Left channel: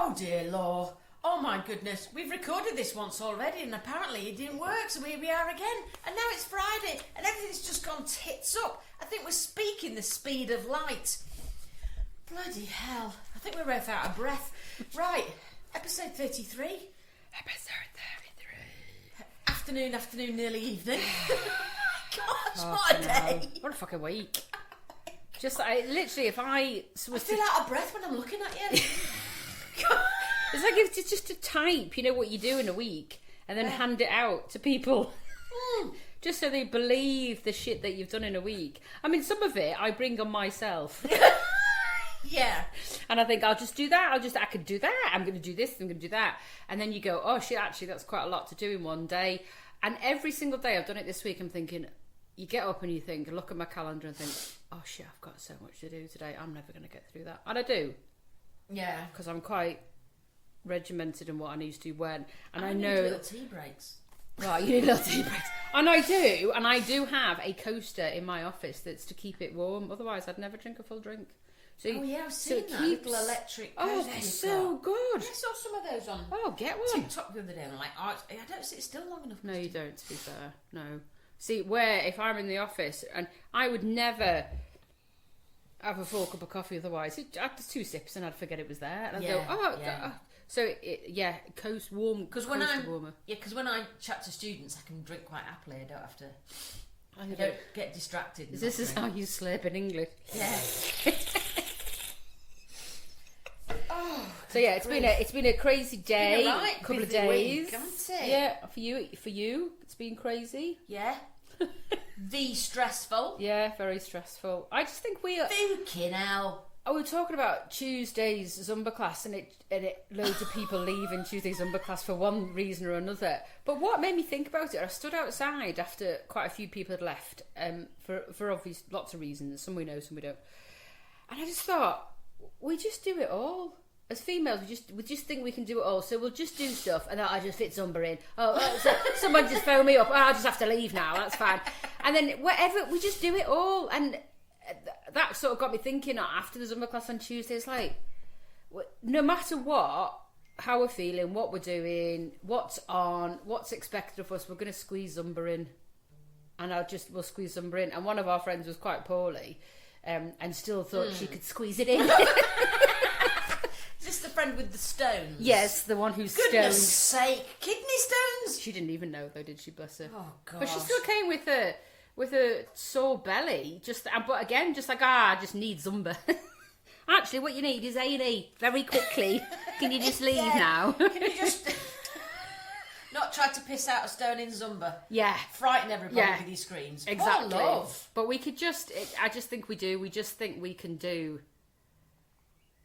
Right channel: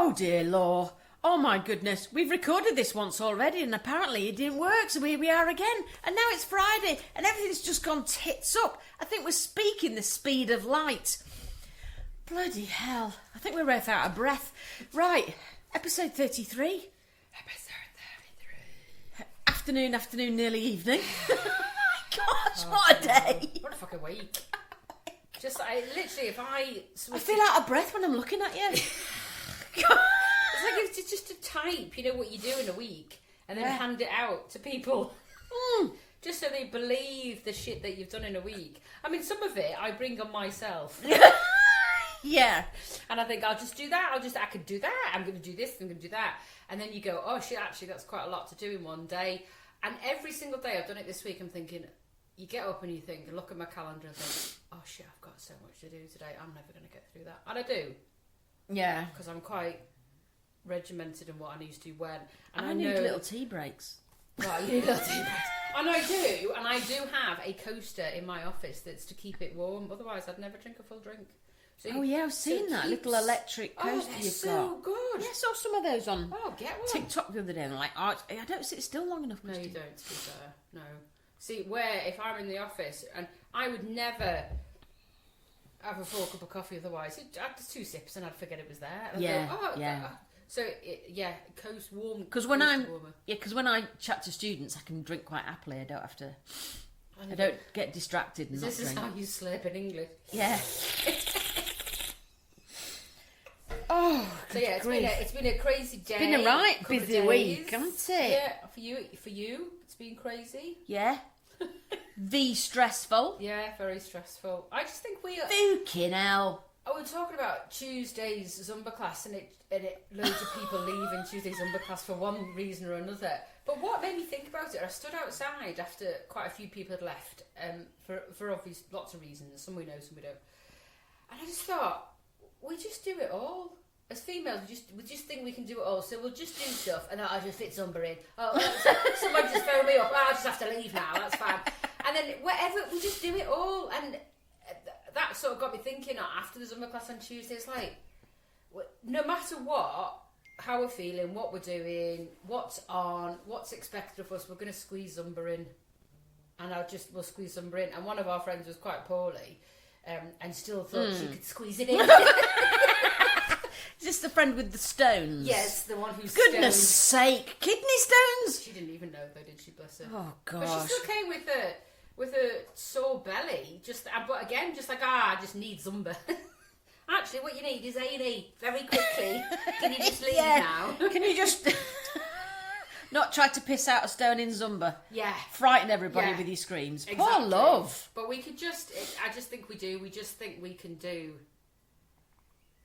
Oh dear Lord. Oh my goodness. We've recorded this once already and apparently it didn't work, so here we are again. And now it's Friday and everything's just gone tits up. I think we're speaking the speed of light. Bloody hell. I think we're both out of breath. Right, episode 33. Episode 33. Afternoon, nearly evening. Gosh, what a day. What a fucking week. Just, literally, if I feel out of breath when I'm looking at you. It's like it's just to type, you know, what you do in a week and then hand it out to people. Just so they believe the shit that you've done in a week. I mean, some of it I bring on myself. Yeah. And I think I'll just do that. I can do that. I'm going to do this. I'm going to do that. And then you go, oh shit, actually that's quite a lot to do in one day. And every single day I've done it this week, I'm thinking, you get up and you think, look at my calendar and think, oh shit, I've got so much to do today. I'm never going to get through that. And I do. Yeah. Because I'm quite regimented in what I need to do when. And I need know little tea breaks. Right, you need little tea breaks. And I do have a coaster in my office that's to keep it warm. Otherwise, I'd never drink a full drink. So I've seen that little electric coaster. Oh, they're so good. Yeah, I saw some of those on. Oh, get one. TikTok the other day, and I'm like, I don't sit still long enough. No, you don't. To be fair, no. See, if I'm in the office, and I would never have a full cup of coffee otherwise. After 2 sips, and I'd forget it was there. And I'd go, So coast warm. Because when I chat to students, I can drink quite happily. I don't have to. I don't get distracted. This is how you slurp in English. Yeah. So yeah, it's been a crazy day. It's been a right couple busy of days. week, hasn't it? Yeah, for you, it's been crazy. Yeah. Stressful. Yeah, very stressful. I just think we are. Fucking hell. Oh, we were talking about Tuesday's Zumba class, and loads of people leaving Tuesday's Zumba class for one reason or another. But what made me think about it, I stood outside after quite a few people had left, for obvious lots of reasons. Some we know, some we don't. And I just thought, we just do it all. As females, we just think we can do it all, so we'll just do stuff, and I just fit Zumba in. Someone just phone me up. I just have to leave now. That's fine. And then whatever, we just do it all, and that sort of got me thinking. After the Zumba class on Tuesday, it's like, no matter what, how we're feeling, what we're doing, what's on, what's expected of us, we're going to squeeze Zumba in, and we'll squeeze Zumba in. And one of our friends was quite poorly, and still thought she could squeeze it in. Is this the friend with the stones? Yes, the one who's Goodness sake, kidney stones? She didn't even know though, did she, bless her? Oh god! But she still came with a sore belly. But again, just like I just need Zumba. Actually, what you need is A&E very quickly. Can you just leave now? Can you just not try to piss out a stone in Zumba? Yeah, frighten everybody with your screams. Exactly. Poor love. But we could just. I just think we do. We just think we can do.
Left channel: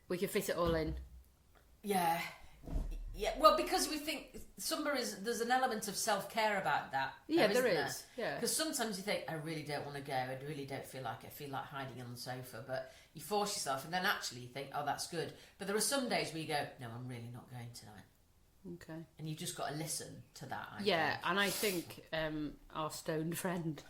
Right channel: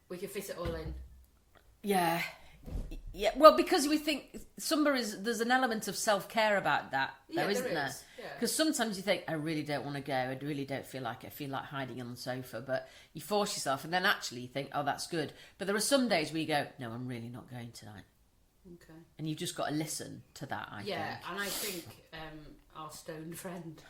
We can fit it all in. Yeah. Yeah, well, because we think there's an element of self-care about that, yeah, isn't there? Is. Yeah. Because sometimes you think, I really don't want to go, I really don't feel like it, I feel like hiding on the sofa, but you force yourself, and then actually you think, oh, that's good. But there are some days where you go, no, I'm really not going tonight. Okay. And you've just got to listen to that, I think. And I think our stoned friend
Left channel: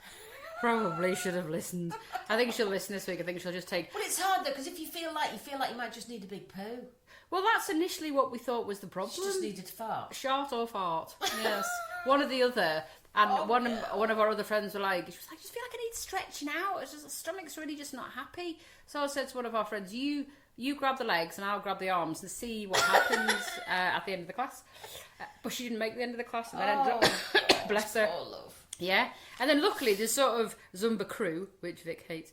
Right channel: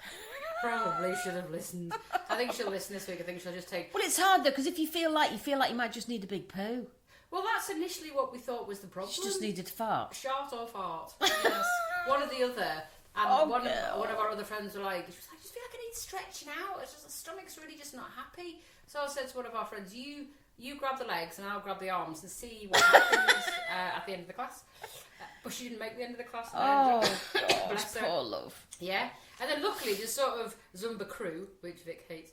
probably should have listened. I think she'll listen this week. I think she'll just take... Well, it's hard, though, because if you feel like you might just need a big poo. Well, that's initially what we thought was the problem. She just needed to fart. Shart or fart. Yes. One or the other. And one of our other friends were like, she was like, I just feel like I need stretching out. It's just, the stomach's really just not happy. So I said to one of our friends, you grab the legs and I'll grab the arms and see what happens at the end of the class. But she didn't make the end of the class. And bless her. Poor love. Yeah. And then luckily there's sort of Zumba crew, which Vic hates.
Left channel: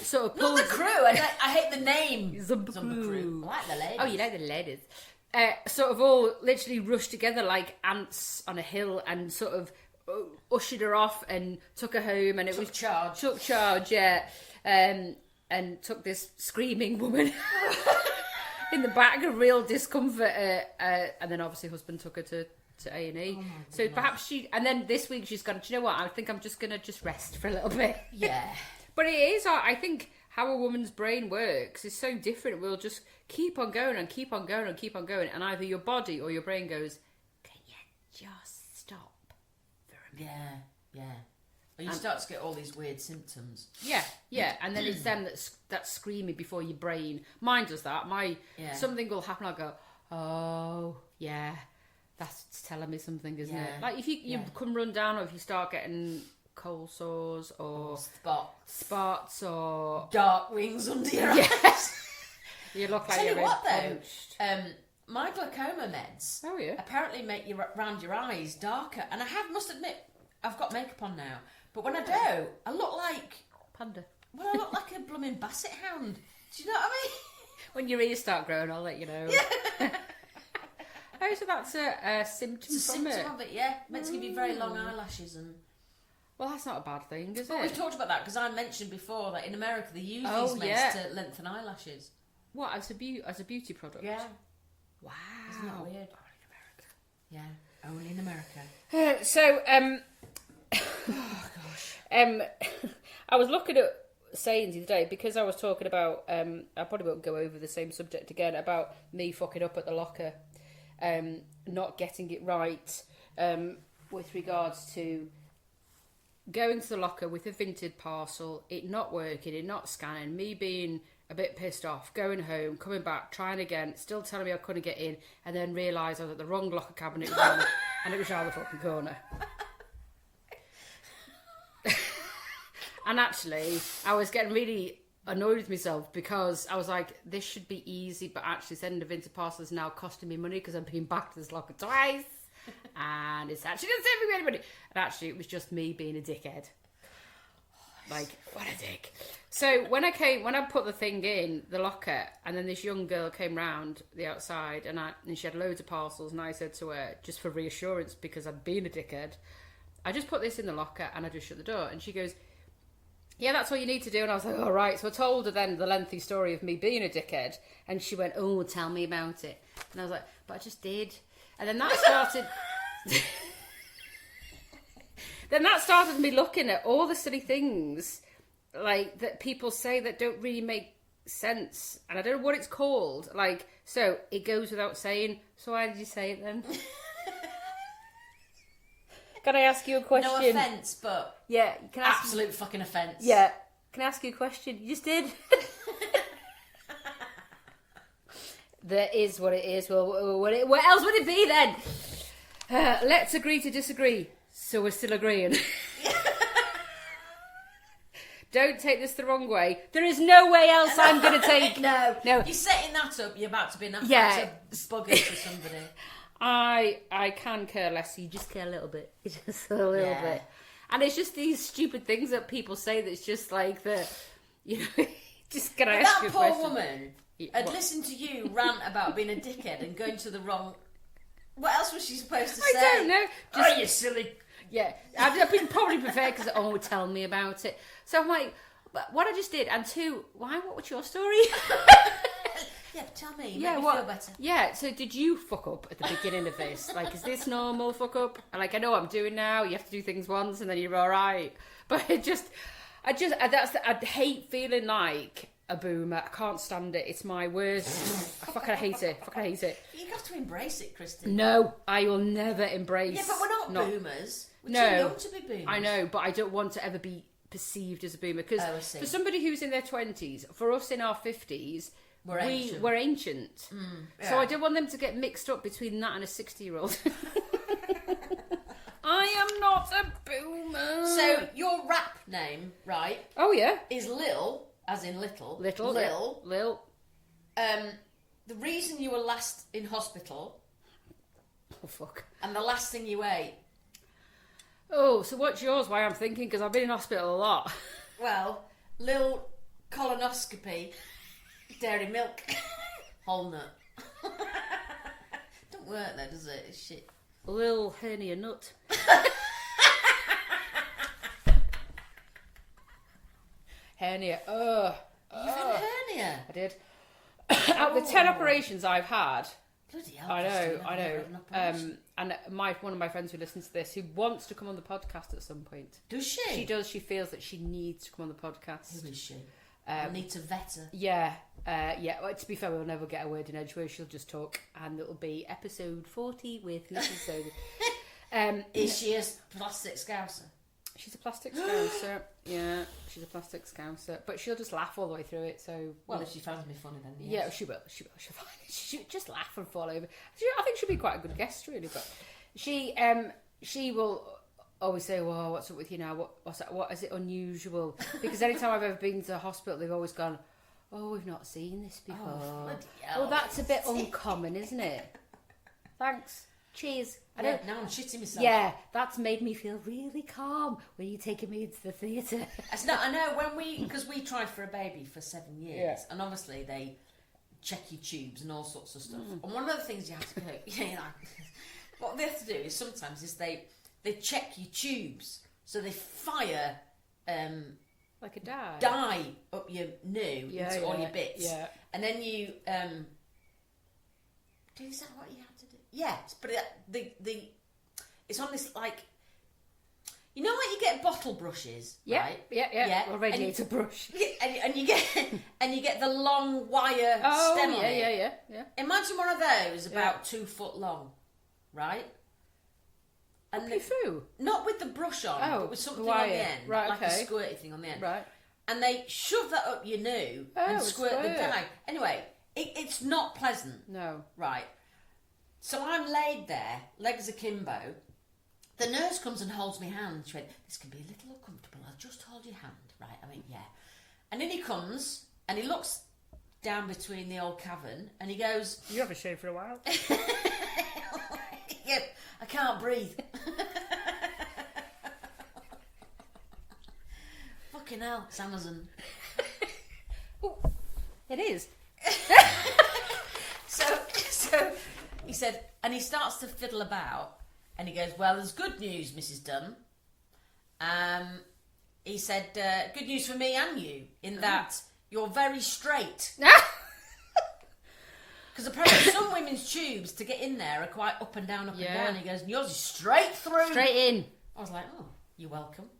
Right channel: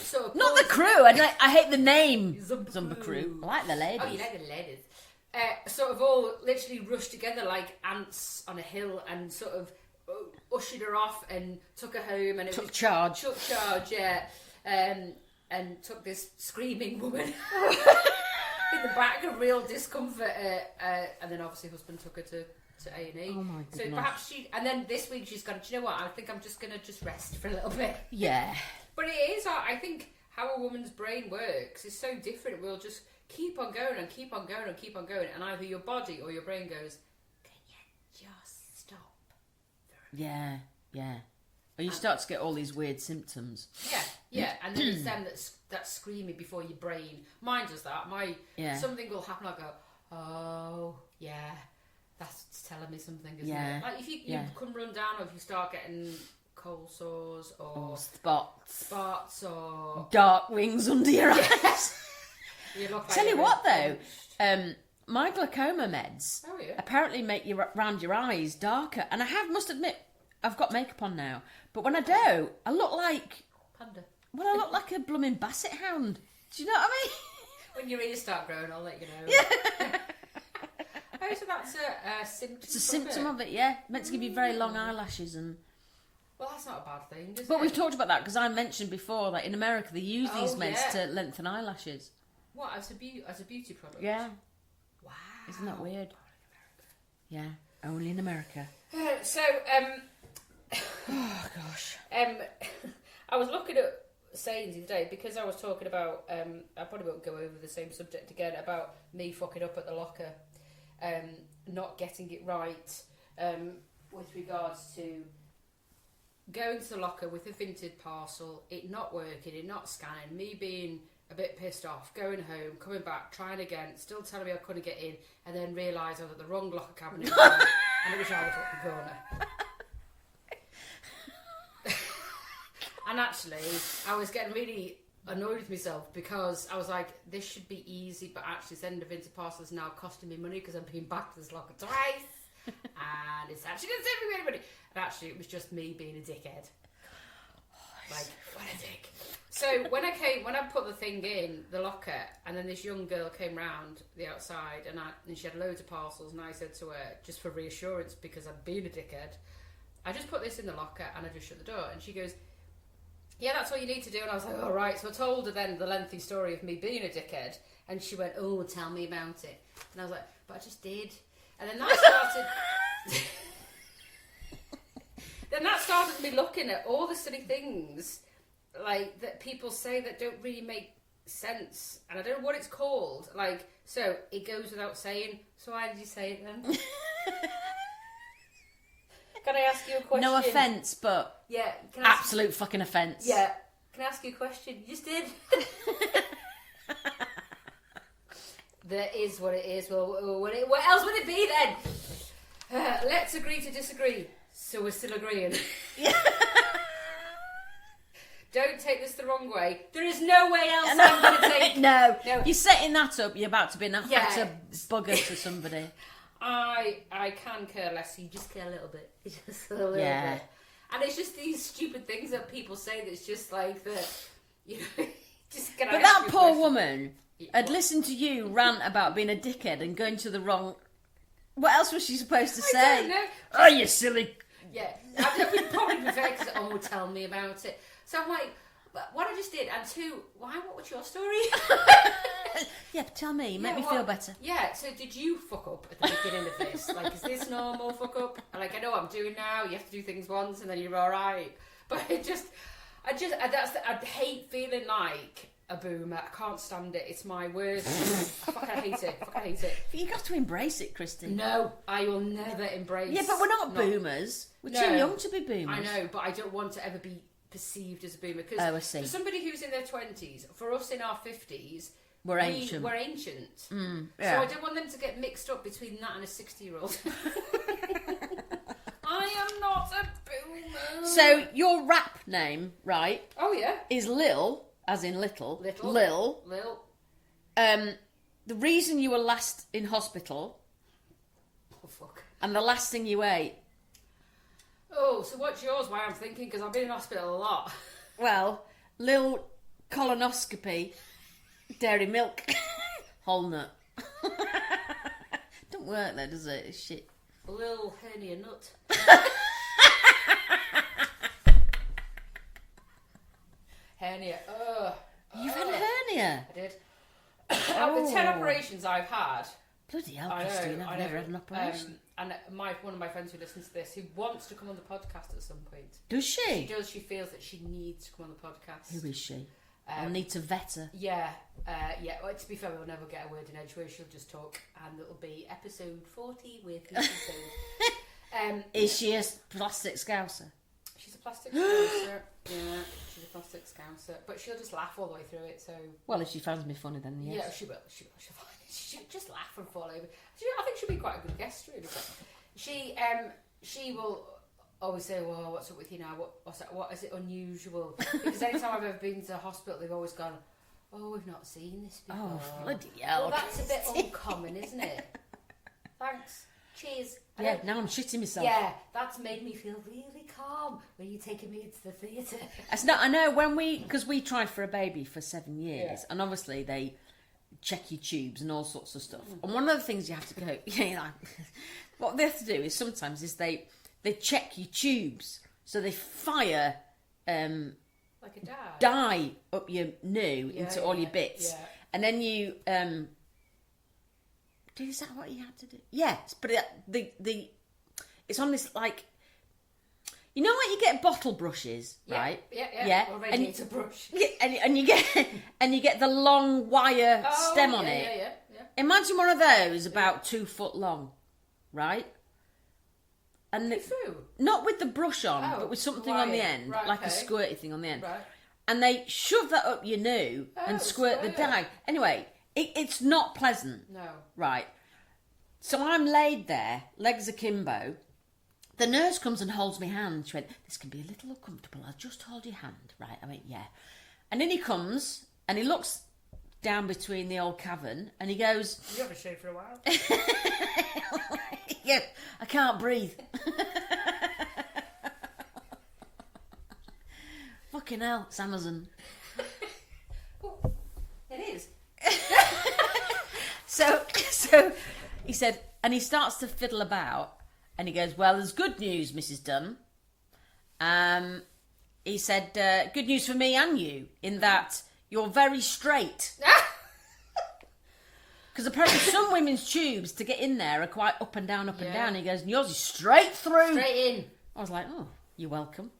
Sort of not the crew. I hate the name Zumba crew. I like the ladies. Oh, you like the ladies. Sort of all literally rushed together like ants on a hill and sort of ushered her off and took her home, and took charge. Yeah, and took this screaming woman in the back of real discomfort, and then obviously husband took her to A&E. Oh my goodness. So perhaps and then this week she's gone, do you know what, I think I'm just going to just rest for a little bit. Yeah. But it is, I think, how a woman's brain works is so different. We'll just keep on going and keep on going and keep on going, and either your body or your brain goes, can you just stop for a minute? Yeah. Or you start to get all these weird symptoms. Yeah, and then it's them that's screaming before your brain. Mine does that. Something will happen, I'll go, Oh, yeah. That's telling me something, isn't Yeah. it? Like, if you come run down, or if you start getting cold sores or spots or dark wings under your eyes. You look like Tell you what, though, punched. my glaucoma meds apparently make you round your eyes darker. And I must admit, I've got makeup on now. But when I do, I look like... Panda. Well, I look like a blooming basset hound. Do you know what I mean? When your ears start growing, I'll let you know. Yeah. Oh, so that's a symptom. It's a symptom of it, yeah. Meant to give you very long eyelashes and... Well, that's not a bad thing, is it? But we've talked about that because I mentioned before that in America they use these meds to lengthen eyelashes. What, as a beauty product? Yeah. Wow. Isn't that weird? Yeah, only in America. Oh gosh. I was looking at sayings the other day because I was talking about. I probably won't go over the same subject again about me fucking up at the locker, not getting it right, with regards to going to the locker with a vintage parcel, it not working, it not scanning, me being a bit pissed off, going home, coming back, trying again, still telling me I couldn't get in, and then realise I was at the wrong locker cabinet and it was around the fucking corner. And actually, I was getting really annoyed with myself because I was like, this should be easy, but actually sending the vintage parcel is now costing me money because I'm being back to this locker twice. And it's actually not saving me any money. And actually, it was just me being a dickhead. Like, what a dick. So when I put the thing in the locker, and then this young girl came round the outside, and she had loads of parcels, and I said to her, just for reassurance, because I'd been a dickhead, I just put this in the locker, and I just shut the door. And she goes, yeah, that's what you need to do. And I was like, all right. So I told her then the lengthy story of me being a dickhead, and she went, oh, tell me about it. And I was like, but I just did. And then that started... Then that started me looking at all the silly things like that people say that don't really make sense, and I don't know what it's called. Like, so it goes without saying. So why did you say it then? Can I ask you a question? No offence, but yeah, absolute fucking offence. Yeah, can I ask you a question? You just did. That is what it is. Well, what else would it be then? Let's agree to disagree. So we're still agreeing. Don't take this the wrong way. There is no way else I'm going to take. No. You're setting that up. You're about to be an to bugger to somebody. I can care less. You just care a little bit. Just a little bit. And it's just these stupid things that people say that's just like the, just gonna. But that poor woman had listened to you rant about being a dickhead and going to the wrong. What else was she supposed to say? I don't know. Oh, you silly. Yeah, I'd been probably prepared because tell me about it. So I'm like, but what I just did, and two, what was your story? Yeah, tell me. Make me feel better. Yeah, so did you fuck up at the beginning of this? Like, is this normal fuck up? And like, I know what I'm doing now. You have to do things once and then you're all right. But I hate feeling like a boomer. I can't stand it. It's my worst. I fucking hate it. You have to embrace it, Kristen. No, I will never embrace. Yeah, but we're not boomers. We're too young to be boomers. I know, but I don't want to ever be perceived as a boomer because for somebody who's in their 20s, for us in our 50s, we're ancient. So I don't want them to get mixed up between that and a 60-year-old. I am not a boomer. So your rap name, right? Oh yeah, is Lil. As in little. Lil. The reason you were last in hospital. Oh, fuck. And the last thing you ate. Oh, so what's yours? Why I'm thinking, because I've been in hospital a lot. Well, Lil colonoscopy, dairy milk, whole nut. Don't work there, does it? It's shit. Lil hernia nut. Hernia. You've had a hernia? I did. Out of the 10 operations I've had. Bloody hell, I Christine, know. I've never had an operation. And one of my friends who listens to this, who wants to come on the podcast at some point. Does she? She does. She feels that she needs to come on the podcast. Who is she? I need to vet her. Yeah. Well, to be fair, we'll never get a word in edgeways. She'll just talk, and it'll be episode 40 with Mrs. Is she a plastic scouser? She's a plastic scouser. Yeah, she's a plastic scouser. But she'll just laugh all the way through it, so... Well, if she finds me funny, then yes. Yeah, she will. She'll just laugh and fall over. I think she'll be quite a good guest, really. But she will always say, well, what's up with you now? What is it unusual? Because anytime I've ever been to the hospital, they've always gone, oh, we've not seen this before. Oh, bloody hell. Well, that's a bit uncommon, isn't it? Thanks. Cheers. Now I'm shitting myself. Yeah, that's made me feel really calm when you're taking me into the theatre. It's not. I know because we tried for a baby for 7 years, and obviously they check your tubes and all sorts of stuff. And one of the things you have to go, what they have to do is sometimes they check your tubes, so they fire like a dye up your new into all your bits, and then you is that what you have to do? Yes, but it's on this like, you know, like you get bottle brushes, right? Yeah. Or radiator brush. And you get the long wire stem on it. Yeah. Imagine one of those about 2 foot long, right? And through? Not with the brush on, but with something on the end, like a squirty thing on the end. Right. And they shove that up your new and squirt the dye. Anyway, it's not pleasant. No. Right. So I'm laid there, legs akimbo. The nurse comes and holds my hand. She went, this can be a little uncomfortable. I'll just hold your hand. Right. I went, yeah. And then he comes and he looks down between the old cavern and he goes... You haven't shaved for a while. Yeah, I can't breathe. Fucking hell, it's Amazon. Oh, it is. So he said, and he starts to fiddle about, and he goes, well, there's good news, Mrs. Dunn. He said, good news for me and you, in that you're very straight. Because apparently some women's tubes to get in there are quite up and down, and down. He goes, and yours is straight through. Straight in. I was like, oh, you're welcome.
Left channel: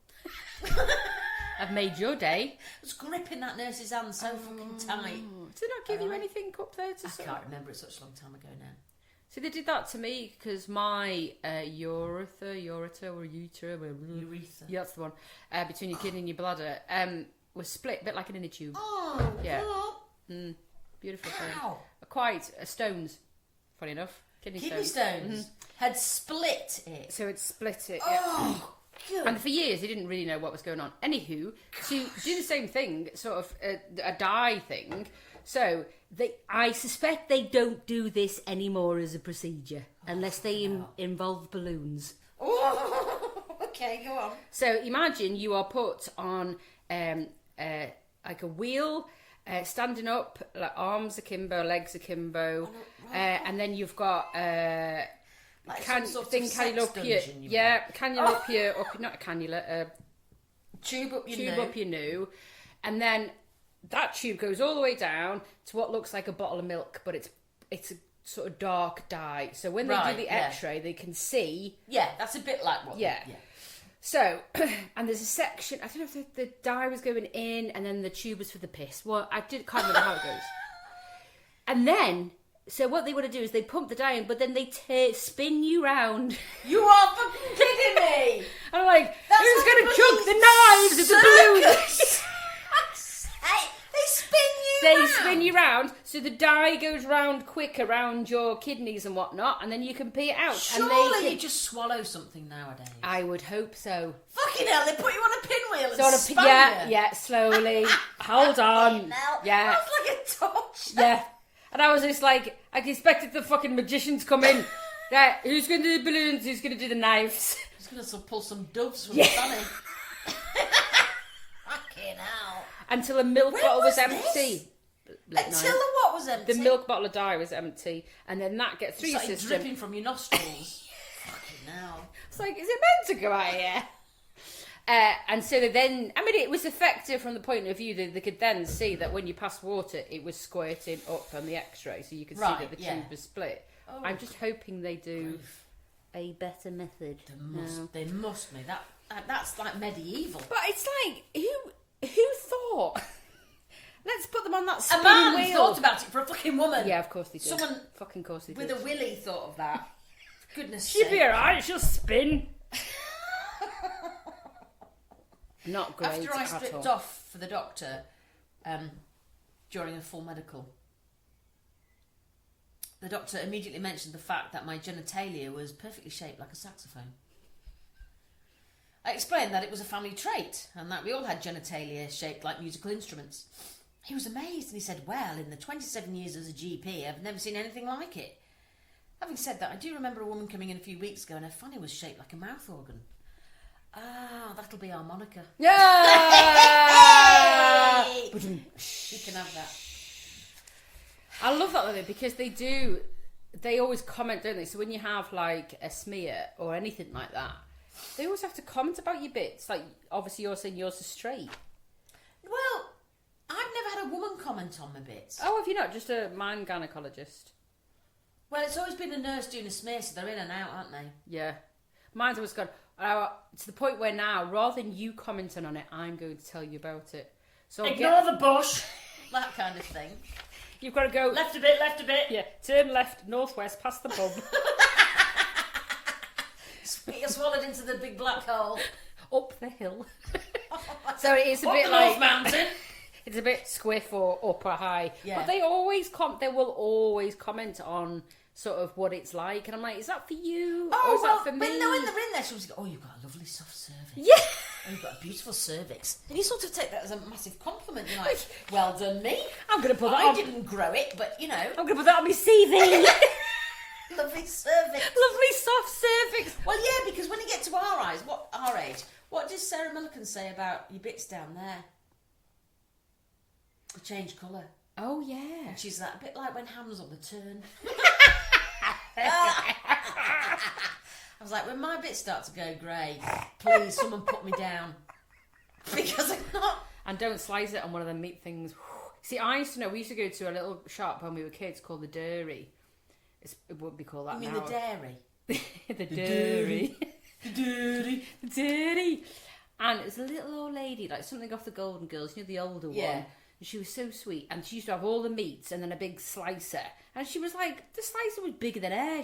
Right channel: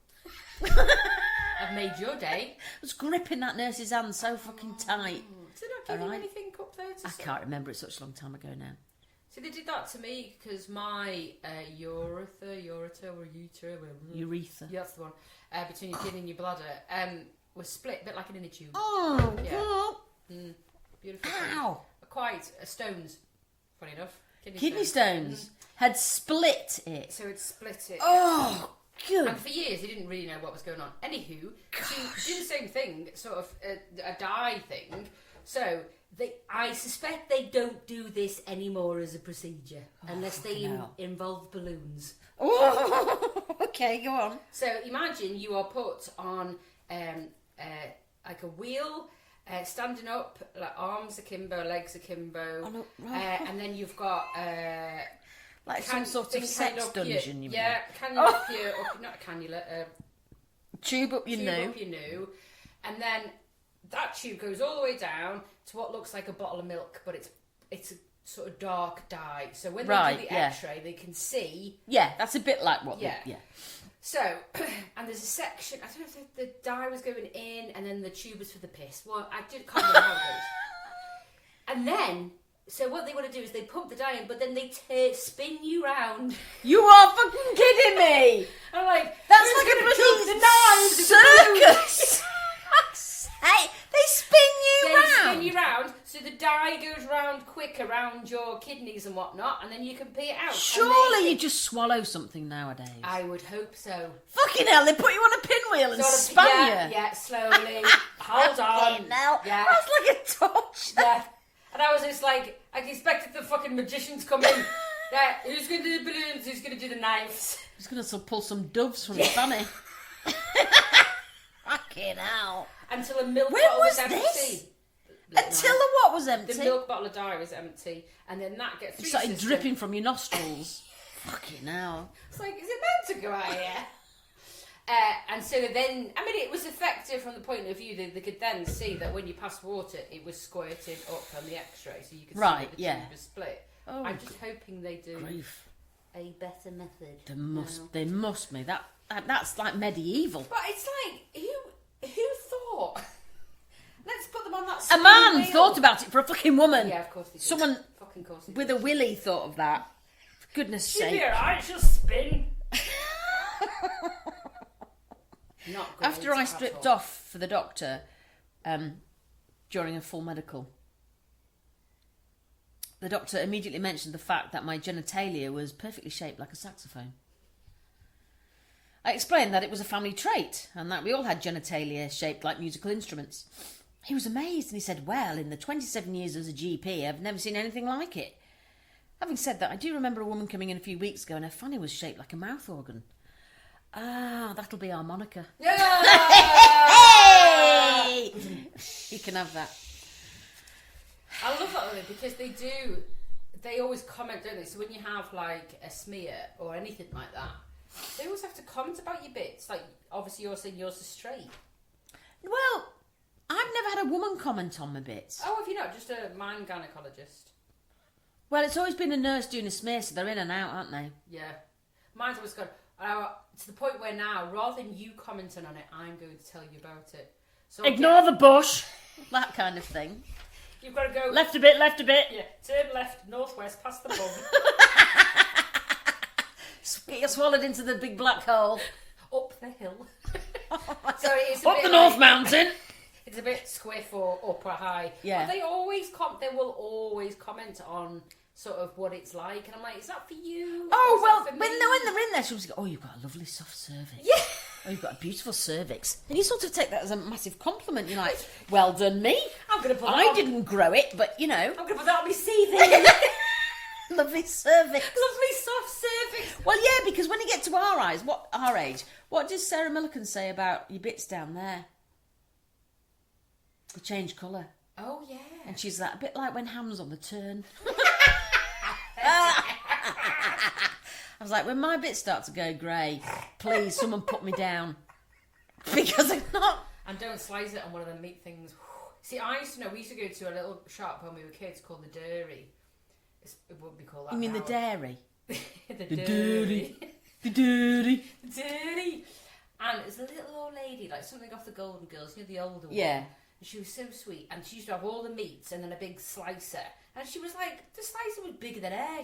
I've made your day. I was gripping that nurse's hand so fucking tight. Did I give you anything up there to say? I can't remember, it's such a long time ago now. So they did that to me because my urethra, that's the one, between your kidney and your bladder, was split, a bit like an inner tube. Oh, yeah. Beautiful thing. Ow. Quite stones, funny enough. Kidney stones had split it. So it split it. Oh, good. And for years, he didn't really know what was going on. Anywho, she did the same thing, sort of a dye thing. So I suspect they don't do this anymore as a procedure unless they involve balloons. Oh, okay, go on. So imagine you are put on like a wheel. Standing up, like arms akimbo, legs akimbo, and then you've got like some sort of sex dungeon. Cannula up your, not a cannula, tube up your new, and then that tube goes all the way down to what looks like a bottle of milk, but it's a sort of dark dye. So when they do the X-ray, they can see. Yeah, that's a bit like what. Yeah. So, and there's a section, I don't know if the dye was going in and then the tube was for the piss. Well, can't remember how it goes. And then, so what they want to do is they pump the dye in, but then they spin you round. You are fucking kidding me! I'm like, that's who's like going to choke the knives of the circus? Hey, they spin you round, so the dye goes round quick around your kidneys and whatnot, and then you can pee it out. Surely you just swallow something nowadays. I would hope so. Fucking hell, they put you on a pinwheel and spin you. Yeah, slowly. Hold on. Yeah. That's like a torch. Yeah. And I was just like, I expected the fucking magician to come in. Yeah, who's going to do the balloons? Who's going to do the knives? Who's going to pull some doves from the funny? Fucking hell. Until a milk bottle was empty. Until the what was empty? The milk bottle of dye was empty. And then that gets through your system. Dripping from your nostrils. Fucking hell. It's like, is it meant to go out here? And so then, I mean, it was effective from the point of view that they could then see that when you passed water, it was squirting up on the X-ray, so you could see that the tube was split. Oh, I'm just hoping they do a better method. They must be. That's like medieval. But it's like, who thought? Let's put them on that A spinning man wheel. thought about it for a fucking woman. Yeah, of course they did. Someone fucking course they with did. a willy thought of that. For goodness sake. She'll be alright, she'll spin. Not great. After I stripped off for the doctor during a full medical, the doctor immediately mentioned the fact that my genitalia was perfectly shaped like a saxophone. I explained that it was a family trait and that we all had genitalia shaped like musical instruments. He was amazed and he said, well, in the 27 years as a GP, I've never seen anything like it. Having said that, I do remember a woman coming in a few weeks ago and her fanny was shaped like a mouth organ. Ah, that'll be our moniker. Yeah! Hey! You can have that. I love that though, because they always comment, don't they? So when you have like a smear or anything like that, they always have to comment about your bits. Like, obviously you're saying yours is straight. Well, I've never had a woman comment on my bits. Oh, have you not? Just a man gynaecologist? Well, it's always been a nurse doing a smear, so they're in and out, aren't they? Yeah. Mine's always gone, to the point where now, rather than you commenting on it, I'm going to tell you about it. So Ignore the bush. That kind of thing. You've got to go... Left a bit, left a bit. Yeah, turn left, northwest, past the pub. Get you swallowed into the big black hole. Up the hill. So it's a Up bit the like, North Mountain. It's a bit squiff or up or high. Yeah. But they will always comment on sort of what it's like. And I'm like, is that for you? Oh, or is well, that for when me? they're in there, she'll go, oh, you've got a lovely soft cervix. Yeah. Oh, you've got a beautiful cervix. And you sort of take that as a massive compliment. You're like, well done me. I'm going to put I didn't grow it, but, you know. I'm going to put that on my CV. Lovely cervix. Lovely soft cervix. Well, yeah, because when you get to our age, what does Sarah Millican say about your bits down there? They change colour. Oh, yeah. And she's like, a bit like when Ham's on the turn. I was like, when my bits start to go grey, please, someone put me down. Because I'm not. And don't slice it on one of them meat things. See, we used to go to a little shop when we were kids called the Dairy. It wouldn't be called that. You mean now. the dairy? The Dairy. The dairy. The Dairy. And it's a little old lady, like something off the Golden Girls, you know, the older one. Yeah. And she was so sweet. And she used to have all the meats and then a big slicer. And she was like, the slicer was bigger than air.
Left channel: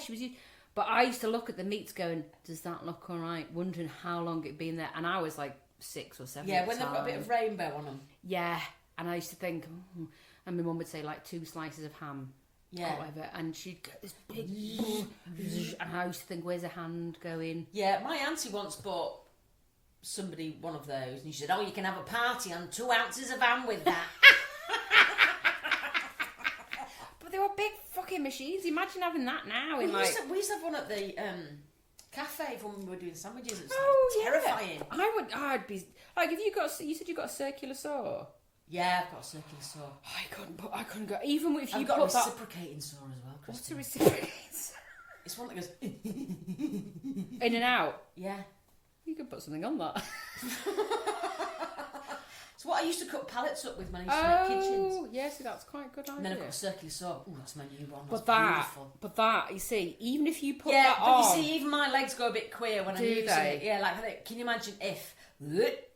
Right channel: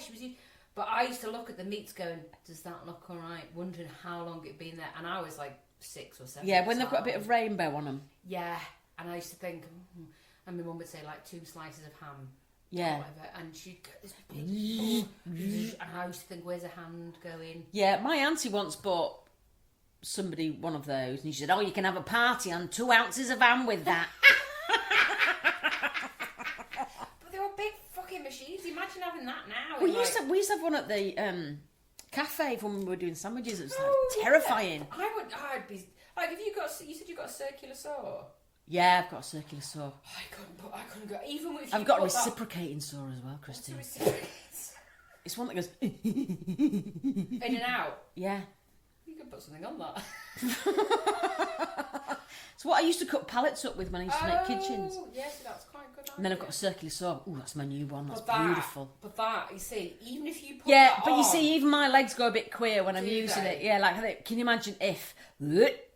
But I used to look at the meats going, does that look all right? Wondering how long it'd been there. And I was like 6 or 7. Yeah, when they've got a bit of rainbow on them. Yeah. And I used to think, and my mum would say like 2 slices of ham. Yeah. Or whatever. And she'd go, this big, and I used to think, where's the hand going? Yeah, my auntie once bought somebody one of those, and she said, oh, you can have a party on 2 ounces of ham with that. But they were big fucking machines. Imagine having that now. We used to have one at the cafe when we were doing sandwiches. It was yeah. terrifying. I'd be like, if you said you got a circular saw. Yeah, I've got a circular saw. I couldn't go. Even if you I've got a put that... reciprocating saw as well, What's Christine. a reciprocating saw? It's one that goes In and out. Yeah. You could put something on that. So what I used to cut pallets up with when I used to make kitchens. Oh, yes, that's quite a good idea. And then I've got a circular saw. Ooh, that's my new one. That's but beautiful. But that, you see, even if you put Yeah, that but on... you see, even my legs go a bit queer when I'm Do using they? it. Yeah, like, can you imagine if...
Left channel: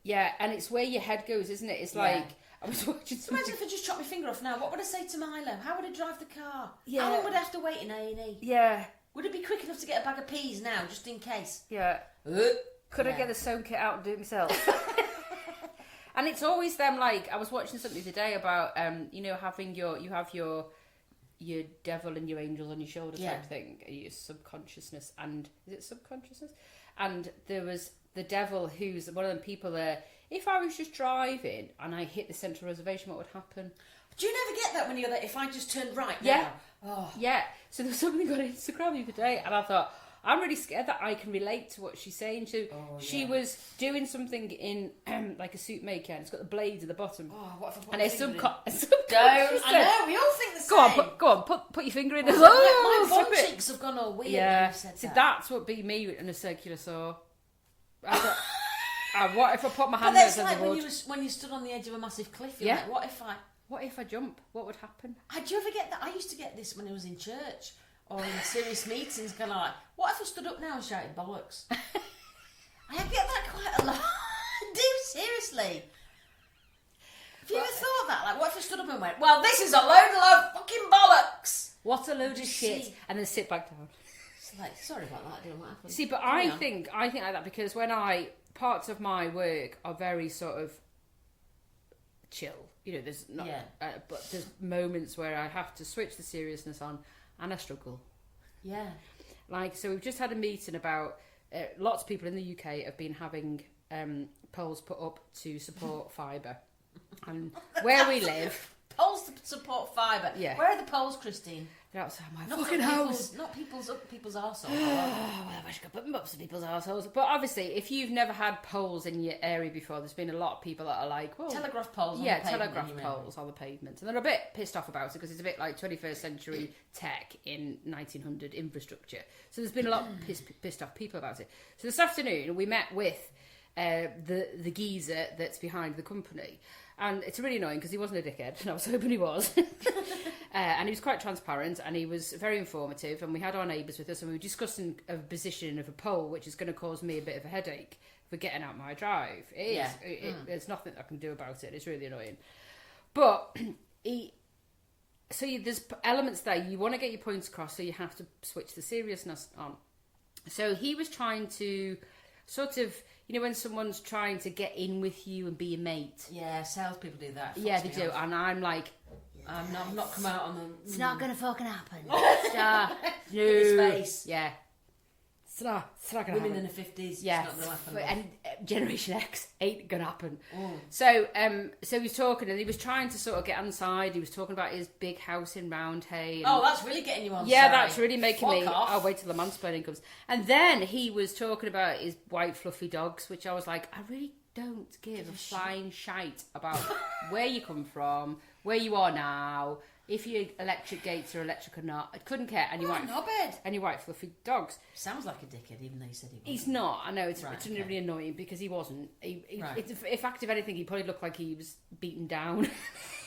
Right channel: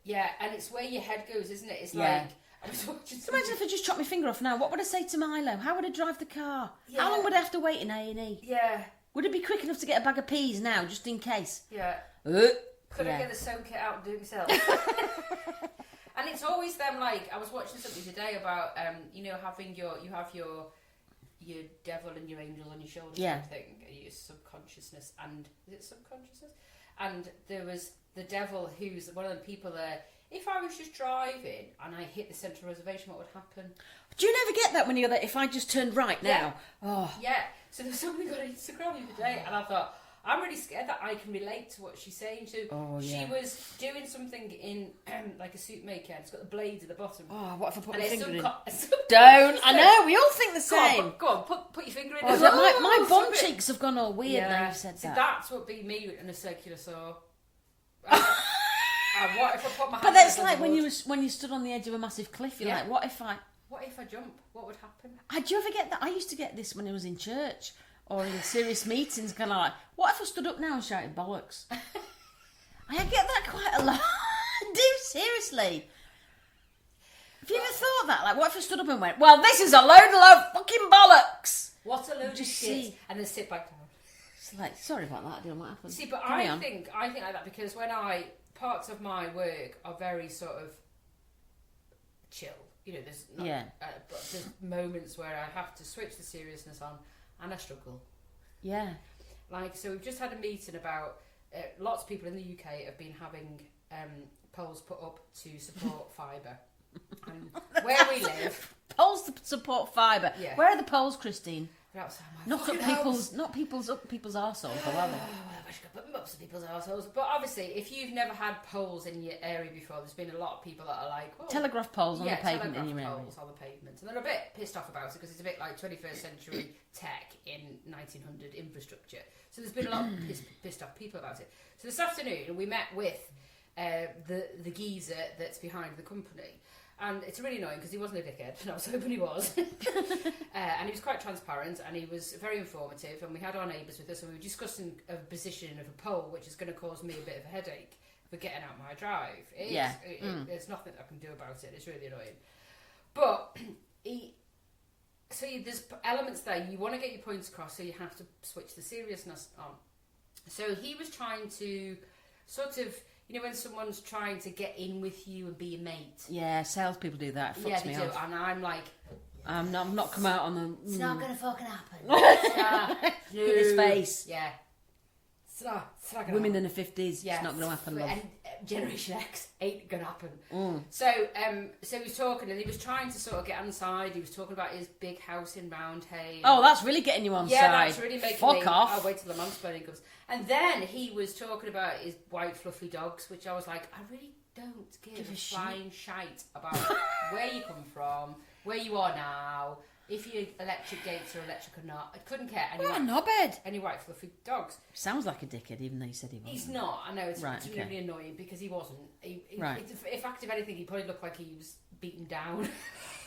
Yeah, and it's where your head goes, isn't it? It's Yeah. like... I was watching So imagine if I just chopped my finger off now. What would I say to Milo? How would I drive the car? Yeah. How long would I have to wait in A&E? Yeah, Would it be quick enough to get a bag of peas now, just in case? yeah. Could I Yeah. get the sewn kit out and do it myself? And it's always them, like, I was watching something today about, you know, having you have your devil and your angel on your shoulder type thing, your subconsciousness, and, is it subconsciousness? And there was the devil who's one of them people there, if I was just driving and I hit the central reservation, what would happen? Do you never get that when you're there, if I just turned right now? Yeah. Oh. Yeah, so there was somebody got Instagram the other day, and I thought, I'm really scared that I can relate to what she's saying. She was doing something in like a soup maker, and it's got the blades at the bottom. Oh, what if I put And my it's finger in? don't. I know, we all think the same. Go on, put your finger in. Oh, my bum cheeks have gone all weird now you've said See, that. that's what be me in a circular saw. What if I put my hand But that's over like the when wood? when you stood on the edge of a massive cliff, you're Yeah. like, what if I jump? What would happen? do you ever get that? I used to get this when I was in church or in serious meetings, kind of like, what if I stood up now and shouted bollocks? I get that quite a lot. I do, seriously. Have you ever thought that? Like, what if I stood up and went, well, this is a load of fucking bollocks? What a load of Just shit! see. And then sit back down. It's like, sorry about that, I don't know what happened. See, but Hang I on. think like that because when I parts of my work are very sort of chill. You know, there's not, but there's moments where I have to switch the seriousness on, and I struggle. Yeah. Like, so we've just had a meeting about lots of people in the UK have been having poles put up to support fibre, and where we live. Poles to support fibre. Yeah. Where are the poles, Christine? They're outside my Not fucking house. Not people's arseholes, are they? Well, I wish I could put them up to people's assholes. But obviously, if you've never had poles in your area before, there's been a lot of people that are like, well, telegraph poles on the pavement. Telegraph poles on the pavement. And they're a bit pissed off about it because it's a bit like 21st century tech in 1900 infrastructure. So there's been a lot of pissed off people about it. So this afternoon, we met with the geezer that's behind the company. And it's really annoying because he wasn't a dickhead, and I was hoping he was. And he was quite transparent, and he was very informative, and we had our neighbours with us, and we were discussing a position of a pole, which is going to cause me a bit of a headache for getting out my drive. There's nothing I can do about it. It's really annoying. But there's elements there. You want to get your points across, so you have to switch the seriousness on. So he was trying to sort of... You know, when someone's trying to get in with you and be your mate. Yeah, salespeople do that. Yeah, they do. And I'm like... I'm not come out on the... It's not going to fucking happen. In his face. Yeah. It's not gonna Women happen. in the 50s, yeah, it's not going to happen. And Generation X ain't going to happen. So he was talking, and he was trying to sort of get inside. He was talking about his big house in Roundhay. Oh, that's really getting you on side. Yeah, that's really making me... Fuck off. I'll wait till the mansplaining comes. And then he was talking about his white fluffy dogs, which I was like, I really don't give a flying shite about where you come from, where you are now, if your electric gates are electric or not. I couldn't care. And What a knobhead. and your white fluffy dogs. Sounds like a dickhead, even though you said he wasn't. He's not. I know, it's Right, really annoying because he wasn't. Right. In fact, if anything, he probably looked like he was beaten down.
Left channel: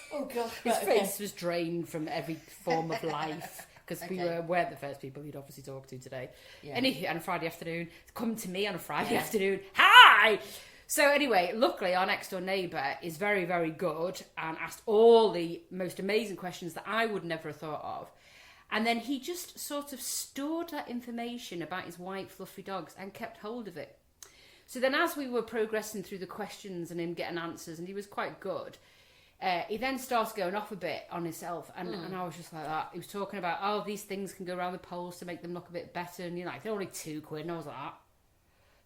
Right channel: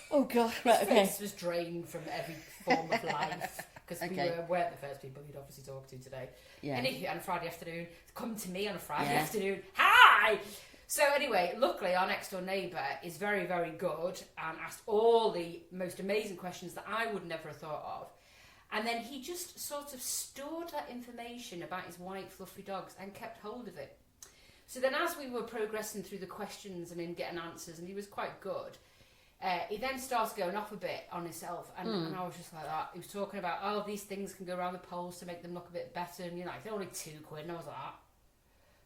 Oh, God. His face was drained from every form of life. Because we were the first people he'd obviously talked to today. Yeah. And on a Friday afternoon, come to me on a Friday afternoon. Hi! So anyway, luckily our next door neighbour is very, very good and asked all the most amazing questions that I would never have thought of. And then he just sort of stored that information about his white fluffy dogs and kept hold of it. So then as we were progressing through the questions and him getting answers, and he was quite good, he then starts going off a bit on himself, and I was just like that. He was talking about, these things can go around the poles to make them look a bit better, and you're like, they're only £2, and I was like,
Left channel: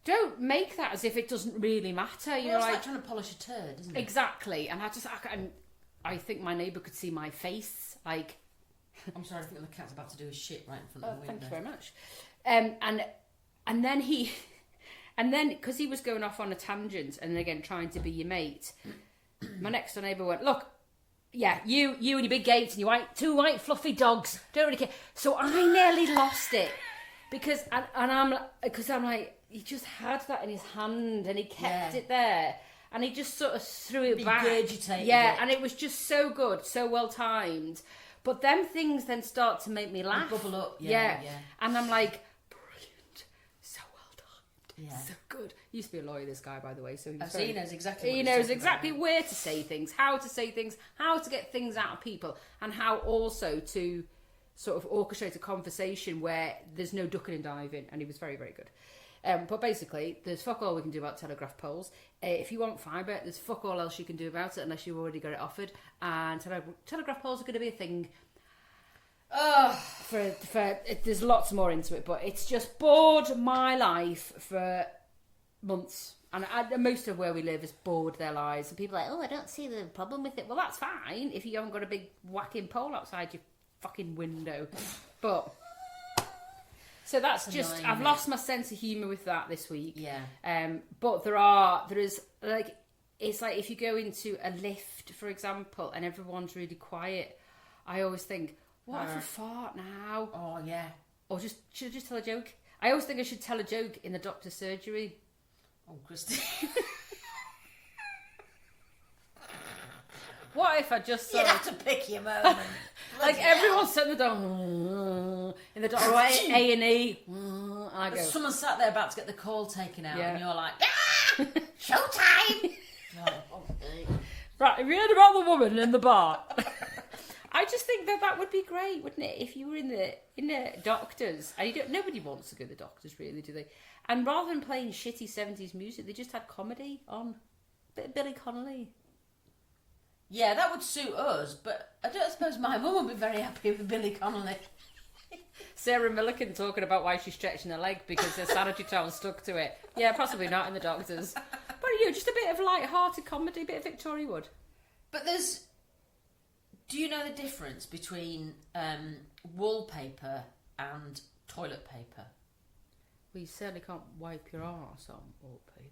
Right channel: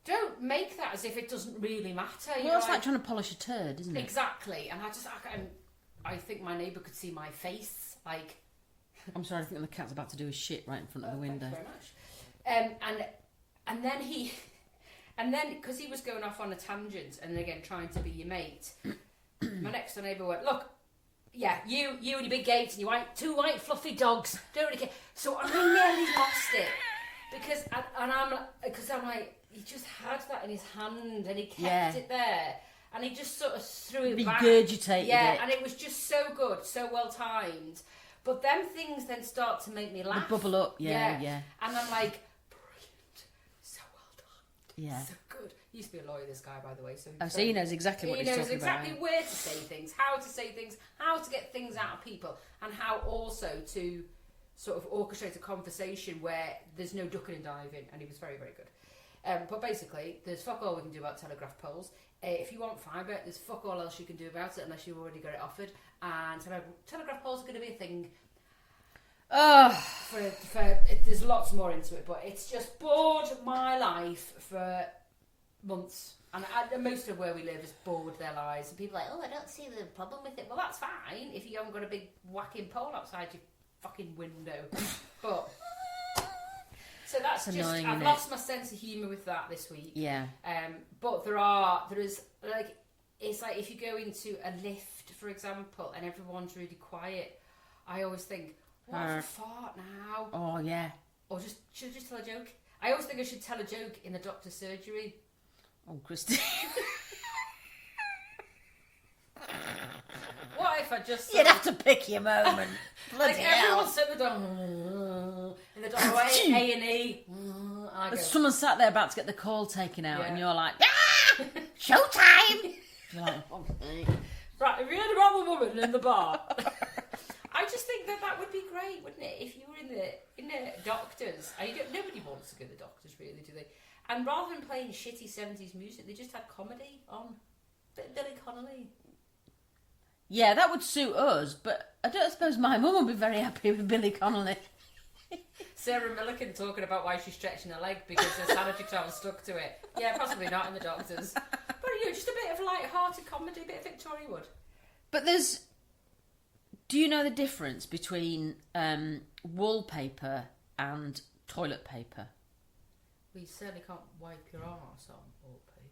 don't make that as if it doesn't really matter. Well, it's like trying to polish a turd, isn't it? Exactly, and I think my neighbour could see my face, like... I'm sorry, I think the cat's about to do his shit right in front of the window. Thank you very much. And then he... And then, because he was going off on a tangent, and again, trying to be your mate... My next door neighbour went, look, yeah, you and your big gates and your two white fluffy dogs, don't really care. So I nearly lost it because I'm like, he just had that in his hand and he kept it there and he just sort of threw it back. Regurgitated it. And it was just so good, so well timed. But them things then start to make me laugh. They bubble up, yeah. And I'm like, brilliant, so well done, yeah, so good. He used to be a lawyer, this guy, by the way. So he knows exactly what he he's knows talking exactly about. where to say things, how to say things, how to get things out of people, and how also to sort of orchestrate a conversation where there's no ducking and diving. And he was very, very good. But basically, there's fuck all we can do about telegraph poles. If you want fibre, there's fuck all else you can do about it unless you've already got it offered. And telegraph poles are going to be a thing. There's lots more into it, but it's just bored my life for months. And most of where we live has bored their lives. And people are like, I don't see the problem with it. Well, that's fine if you haven't got a big whacking pole outside your fucking window. But... So that's annoying, I've lost my sense of humour with that this week. Yeah. But there is, like, it's like if you go into a lift, for example, and everyone's really quiet, I always think, what if I fart now? Oh, yeah. Or should I just tell a joke? I always think I should tell a joke in the doctor's surgery. Oh, Christine. What if I just... You'd have to pick your moment. Like everyone's sat in the doctor, in the doctor, A&E. Someone sat there about to get the call taken out, and you're like, yeah, showtime. You're like, right, have you heard about the woman in the bar? I just think that would be great, wouldn't it? If you were in the doctors, and nobody wants to go to the doctors, really, do they? And rather than playing shitty 70s music, they just had comedy on. Bit of Billy Connolly. Yeah, that would suit us, but I don't suppose my mum would be very happy with Billy Connolly. Sarah Milliken talking about why she's stretching her leg because her sanitary towel stuck to it. Yeah, possibly not in the doctors. But just a bit of light-hearted comedy, a bit of Victoria Wood. But do you know the difference between wallpaper and toilet paper? Well, you certainly can't wipe your arse on wallpaper.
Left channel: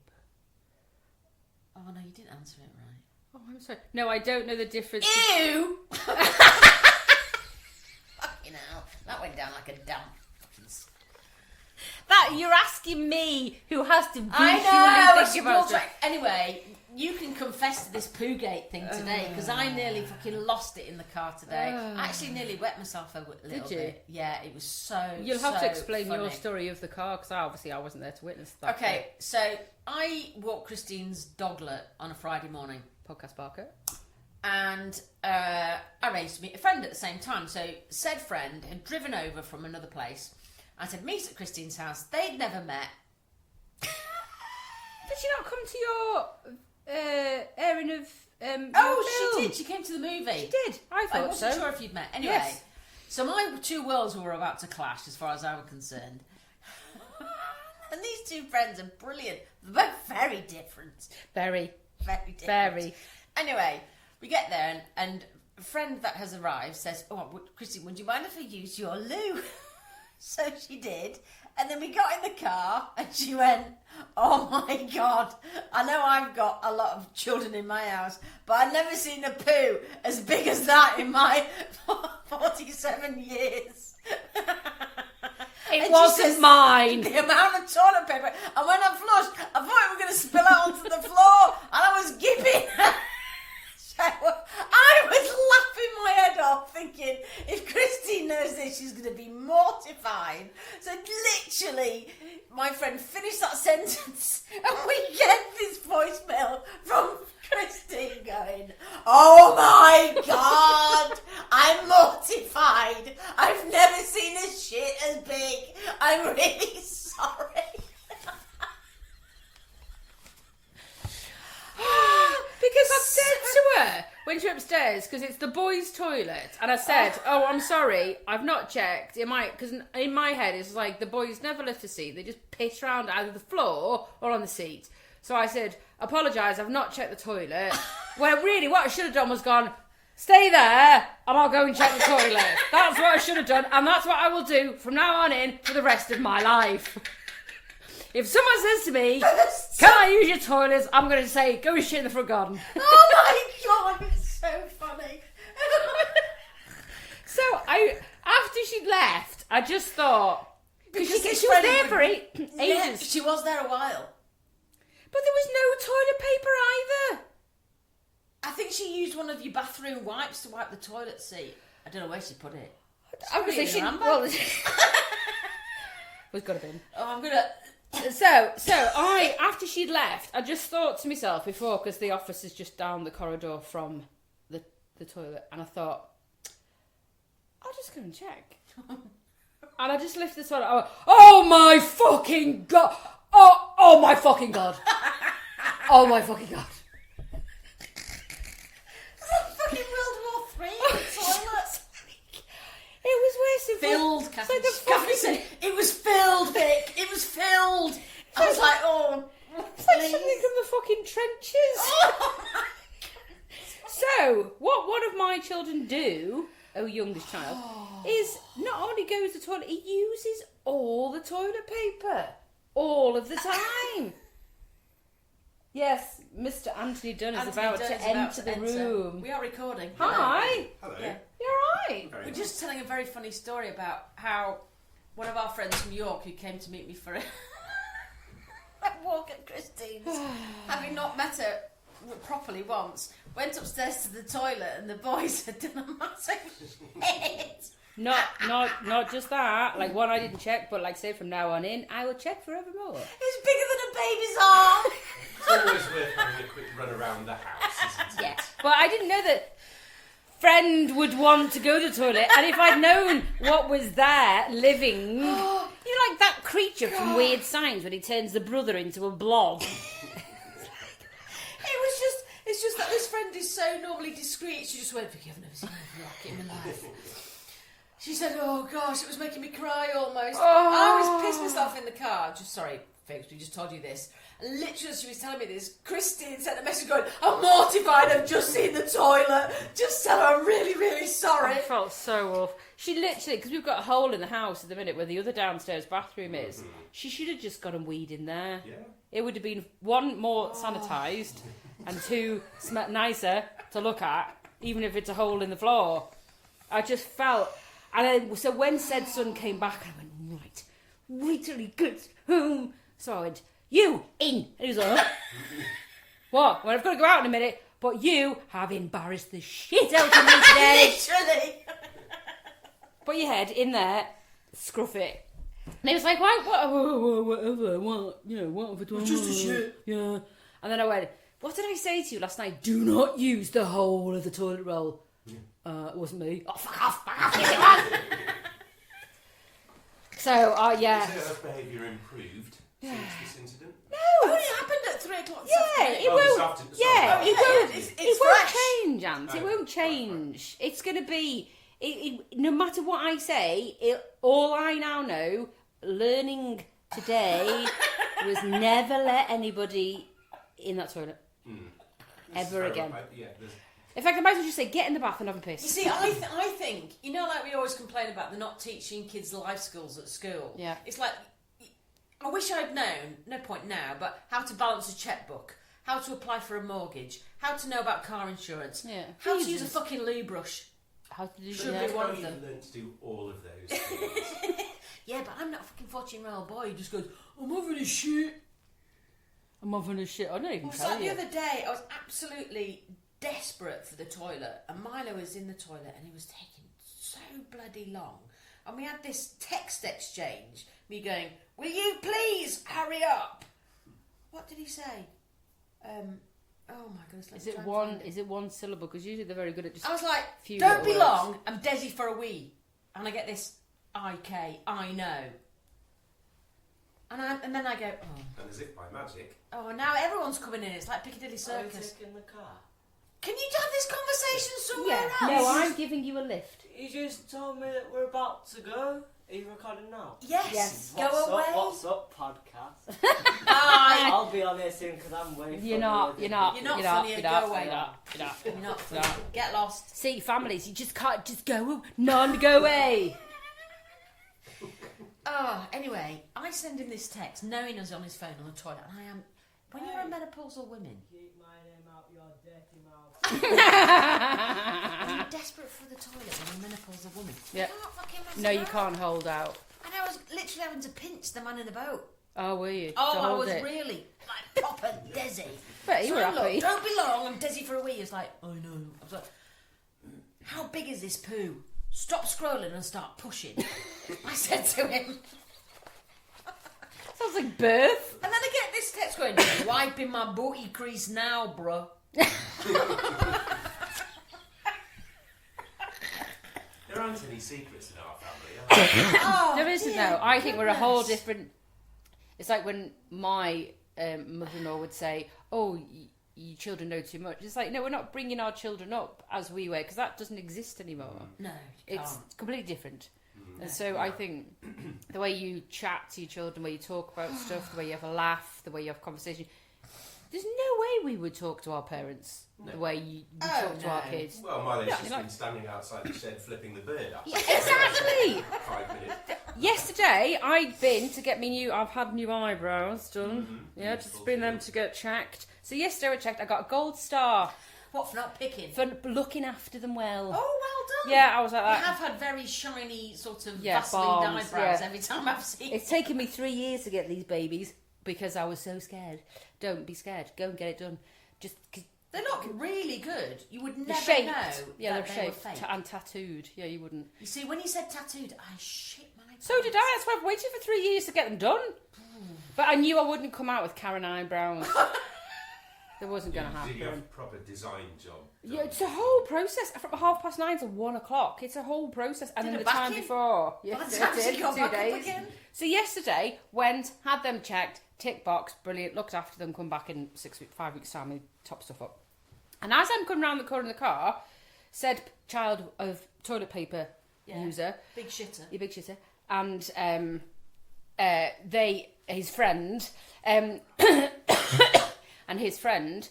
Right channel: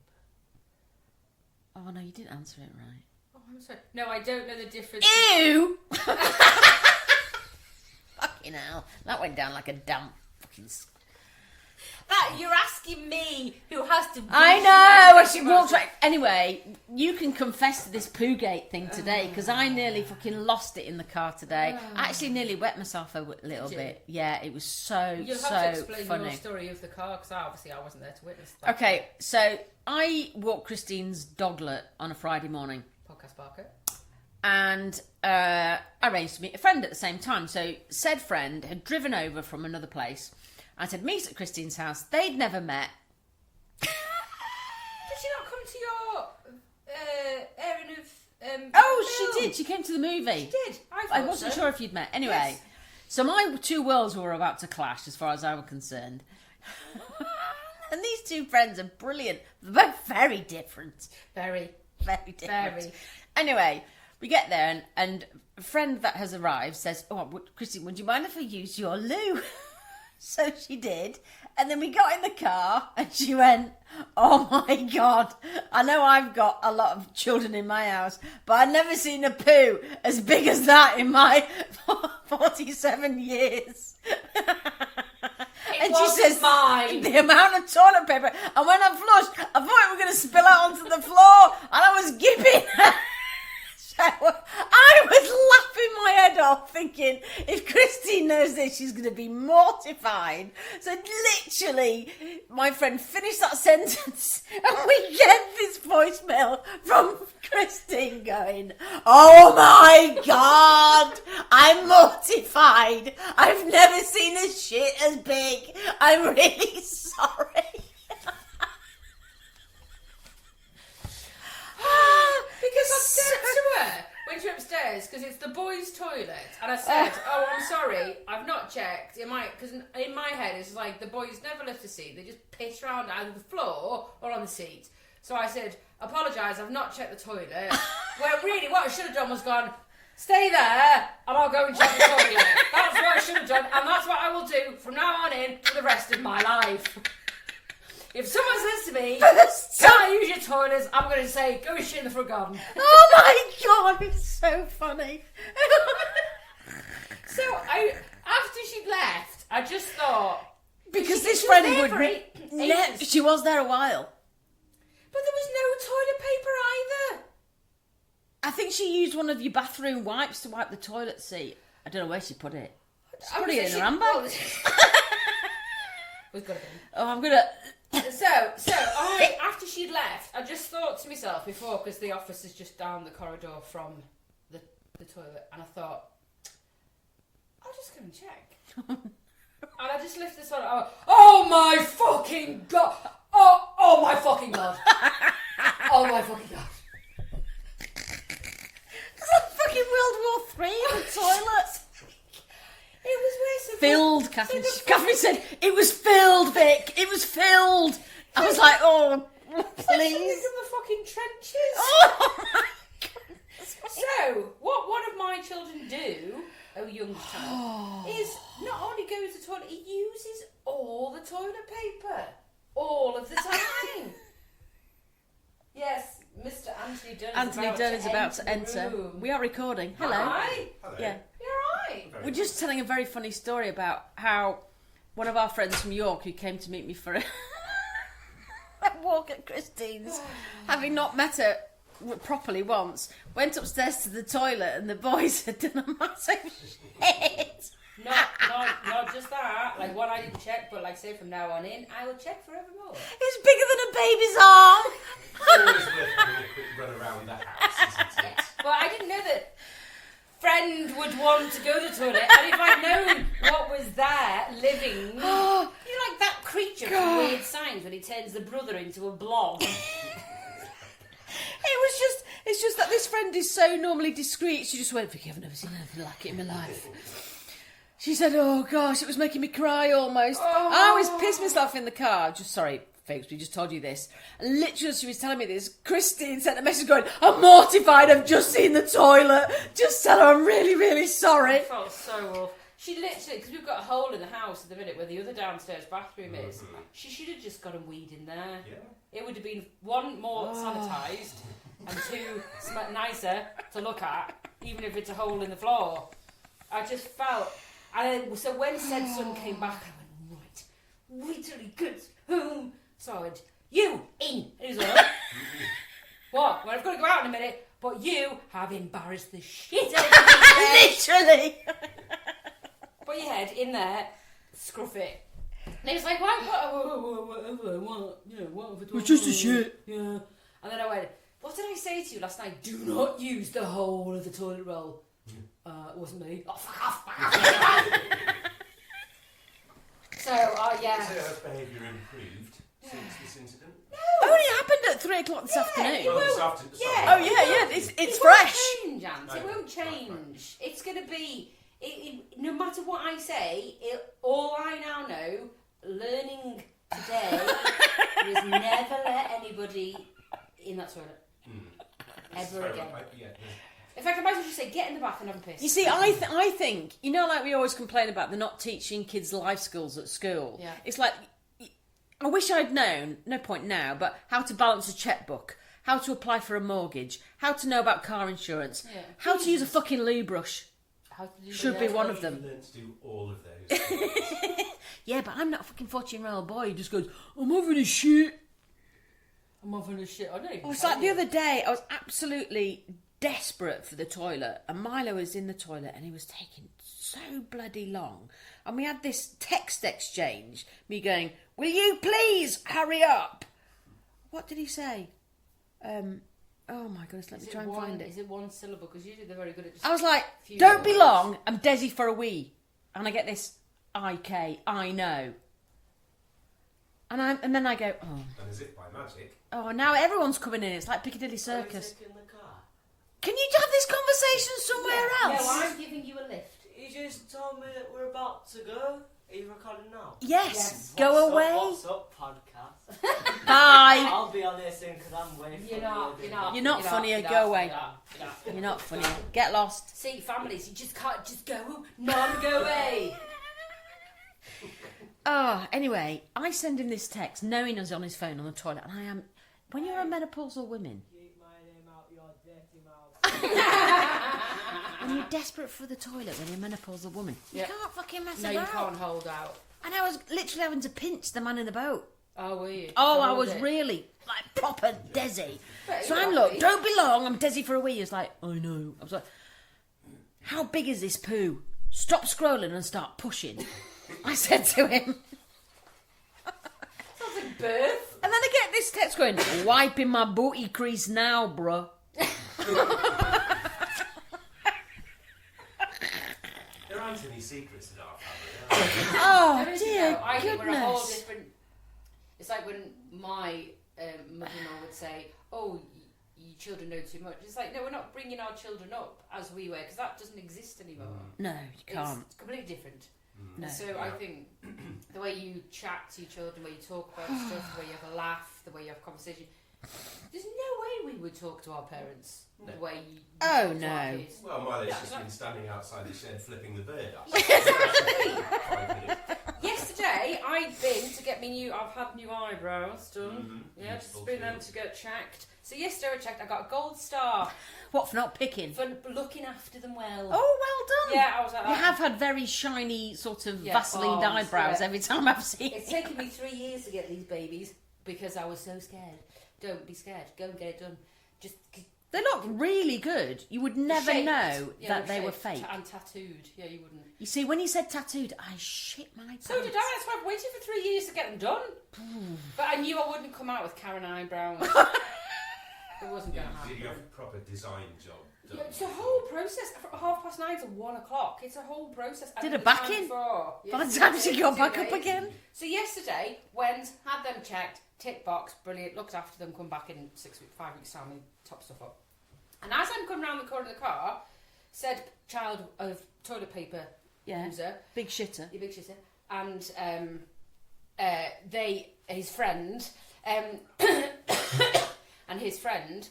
Oh, no, you didn't answer it right. Oh, I'm sorry. No, I don't know the difference. Ew! Fucking hell. That went down like a damp fucking... That you're asking me, who has to. I know. She walks right. Anyway, you can confess to this Poogate thing today because I nearly fucking lost it in the car today. I actually nearly wet myself a little bit. Yeah, it was so. You'll have to explain funny. your story of the car because obviously I wasn't there to witness that. Okay, so I walked Christine's doglet on a Friday morning. Podcast Barker. And I arranged to meet a friend at the same time. So said friend had driven over from another place. I said, meet at Christine's house. They'd never met. Did she not come to your airing of... she did. She came to the movie. She did. I wasn't sure if you'd met. Anyway, yes. So my two worlds were about to clash as far as I was concerned. And these two friends are brilliant. They're both very different. Very. Very different. Very. Anyway, we get there and a friend that has arrived says, Christine, would you mind if I use your loo? So she did. And then we got in the car and she went, oh my God, I know I've got a lot of children in my house, but I've never seen a poo as big as that in my 47 years. It wasn't mine. The amount of toilet paper. And when I flushed, I thought it was going to spill out onto the floor. And I was gibing. So I was laughing my head off thinking, if Christine knows this, she's going to be mortified. So literally, my friend finished that sentence and we get this voicemail from Christine going, oh my God, I'm mortified. I've never seen a shit as big. I'm really sorry. Because I said to her when she went upstairs, because it's the boys' toilet, and I said, "Oh, I'm sorry, I've not checked." Because in my head it's like the boys never lift a seat; they just piss around either the floor or on the seat. So I said, "Apologise, I've not checked the toilet." Well, really, what I should have done was gone, "Stay there, and I'll go and check the toilet." That's what I should have done, and that's what I will do from now on in for the rest of my life. If someone says to me, can I use your toilets? I'm going to say, go and shit in the front garden. Oh my God, it's so funny. So after she left, I just thought, because this she friend was there would... for ages. Yeah, she was there a while. But there was no toilet paper either. I think she used one of your bathroom wipes to wipe the toilet seat. I don't know where she put it. She put it in her handbag. We've got a bin. Oh, I'm going to... So after she'd left, I just thought to myself before, because the office is just down the corridor from the toilet, and I thought, I'll just go and check. And I just lifted the toilet. I went, oh my fucking God! Oh my fucking God! Oh my fucking God! It's like fucking World War III in the toilet. It was worse than filled, Catherine. Catherine said, it was filled, Vic. It was filled. I was like, oh, please. In the fucking trenches. Oh, my God. So, what one of my children do, youngest child, is not only goes to the toilet, he uses all the toilet paper. All of the time. Yes, Mr. Anthony Dunn is about to enter the room. We are recording. Hello. Hi. Hello. Yeah. You're right. We're just telling a very funny story about how one of our friends from York who came to meet me for a walk at Christine's, having not met her properly once, went upstairs to the toilet and the boys had done a massive hit. Not just that. Like one I didn't check, but like say from now on in, I will check forevermore. It's bigger than a baby's arm. It's always worth having a quick run around the house, isn't it? Yes. But I didn't know that friend would want to go to the toilet, and if I'd known what was there living, you're like that creature from Weird Science when he turns the brother into a blob. It's just that this friend is so normally discreet. She just went, Vicky, I've never seen anything like it in my life. She said, oh gosh, it was making me cry almost. I was pissed myself in the car. Sorry, folks, we just told you this. And literally, as she was telling me this, Christine sent a message going, I'm mortified, I've just seen the toilet. Just tell her I'm really, really sorry. I felt so awful. She literally, because we've got a hole in the house at the minute where the other downstairs bathroom is, she should have just got and weed in there. Yeah. It would have been 1, more sanitised, and 2, nicer to look at, even if it's a hole in the floor. I just felt... And then, so when said son came back, I went, right till he gets home. So I went, you in. And he was like, what? Well, I've got to go out in a minute, but you have embarrassed the shit out of me today. Literally. Put your head in there, scruff it. And he was like, whatever, what have I done? It's just a shit. Yeah. And then I went, what did I say to you last night? Do not use the whole of the toilet roll. It wasn't me. Oh, fuck off. So, yeah. So her behaviour improved since this incident? No, it only happened at 3 o'clock this afternoon. It won't. It's fresh. It won't change, Ant. It won't change. It's going to be... no matter what I say, all I now know, learning today, was never let anybody in that toilet. Ever again. In fact, I might as well just say, get in the bath and have a piss. You see, I think, you know, like we always complain about they're not teaching kids life skills at school. Yeah. It's like, I wish I'd known, no point now, but how to balance a checkbook, how to apply for a mortgage, how to know about car insurance, how to use a fucking loo brush. How to do Should be one of them. Learn to do all of those things. Yeah, but I'm not a fucking 14-year-old boy who just goes, I'm having a shit. I'm having a shit. I don't even It's like the other day, I was absolutely desperate for the toilet, and Milo was in the toilet and he was taking so bloody long, and we had this text exchange, me going, will you please hurry up? What did he say? Oh my goodness, let me try and find it. Is it one syllable? Because usually they're very good at just... I was like, don't be long, I'm Desi for a wee. And I get this IK, I know. And then I go, oh. And as if by magic. Oh, now everyone's coming in. It's like Piccadilly Circus. Can you have this conversation somewhere else? No, I'm giving you a lift. You just told me that we're about to go. Are you recording now? Yes. Go away. What's up, podcast? Bye. I'll be on there soon because I'm way funnier. You're not funnier. Go away. You're not funny. Get lost. See, families, you just can't just go. No, go away. Oh, anyway, I send him this text knowing he's on his phone on the toilet, and I am. When you're a menopausal woman. Keep my name out your dirty mouth. When you're desperate for the toilet when you're a menopausal woman, you Yep. can't fucking mess No, about. you can't hold out. And I was literally having to pinch the man in the boat. Oh, were you? Oh, To I hold was it? really like proper Desi. But So you I'm were like, happy. don't be long, I'm Desi for a wee. It's like, I know. I was like, how big is this poo? Stop scrolling and start pushing. I said to him. Sounds like birth. And then I get this text going, wiping my booty crease now, bruh. There aren't any secrets in our family, Oh, There isn't dear though. I think we're a whole goodness. different... It's like when my mother-in-law would say, oh, you children know too much. It's like, no, we're not bringing our children up as we were, because that doesn't exist anymore. No, you can't. It's completely different. No. And so I think the way you chat to your children, the way you talk about stuff, the way you have a laugh, the way you have conversation, there's no way we would talk to our parents the way you talk to our kids. Well, Milo's Yeah, just like- been standing outside the shed flipping the bird up. Exactly. 5 minutes. Yesterday, I've been to get I've had new eyebrows done. Yeah, Beautiful, just bring them to get checked. So yesterday I checked, I got a gold star What, for not picking? for looking after them well. Oh, well done. Yeah, I was like You that. have had very shiny, sort of Yeah, Vaseline bombs, eyebrows yeah. every time I've seen It's taken me 3 years to get these babies because I was so scared. Don't be scared. Go and get it done. Just They look really good. You would never shaped. know Yeah, that they were shaped fake. and tattooed. Yeah, you wouldn't. You see, when you said tattooed, I shit my pants. So did I. That's why I've waited for 3 years to get them done. But I knew I wouldn't come out with Karen eyebrows. It wasn't going to Did you have happen. a proper design job? Yeah, it's a whole process from 9:30 to 1 o'clock. It's a whole process. And Did then a the time back in? before. By the Yes, time it she did, got 2 back up days. again. So yesterday, went, had them checked, tick box, brilliant, looked after them, come back in 5 weeks' time and top stuff up. And as I'm coming round the corner of the car, said child of toilet paper user, Big shitter. you big shitter, and his friend, and his friend,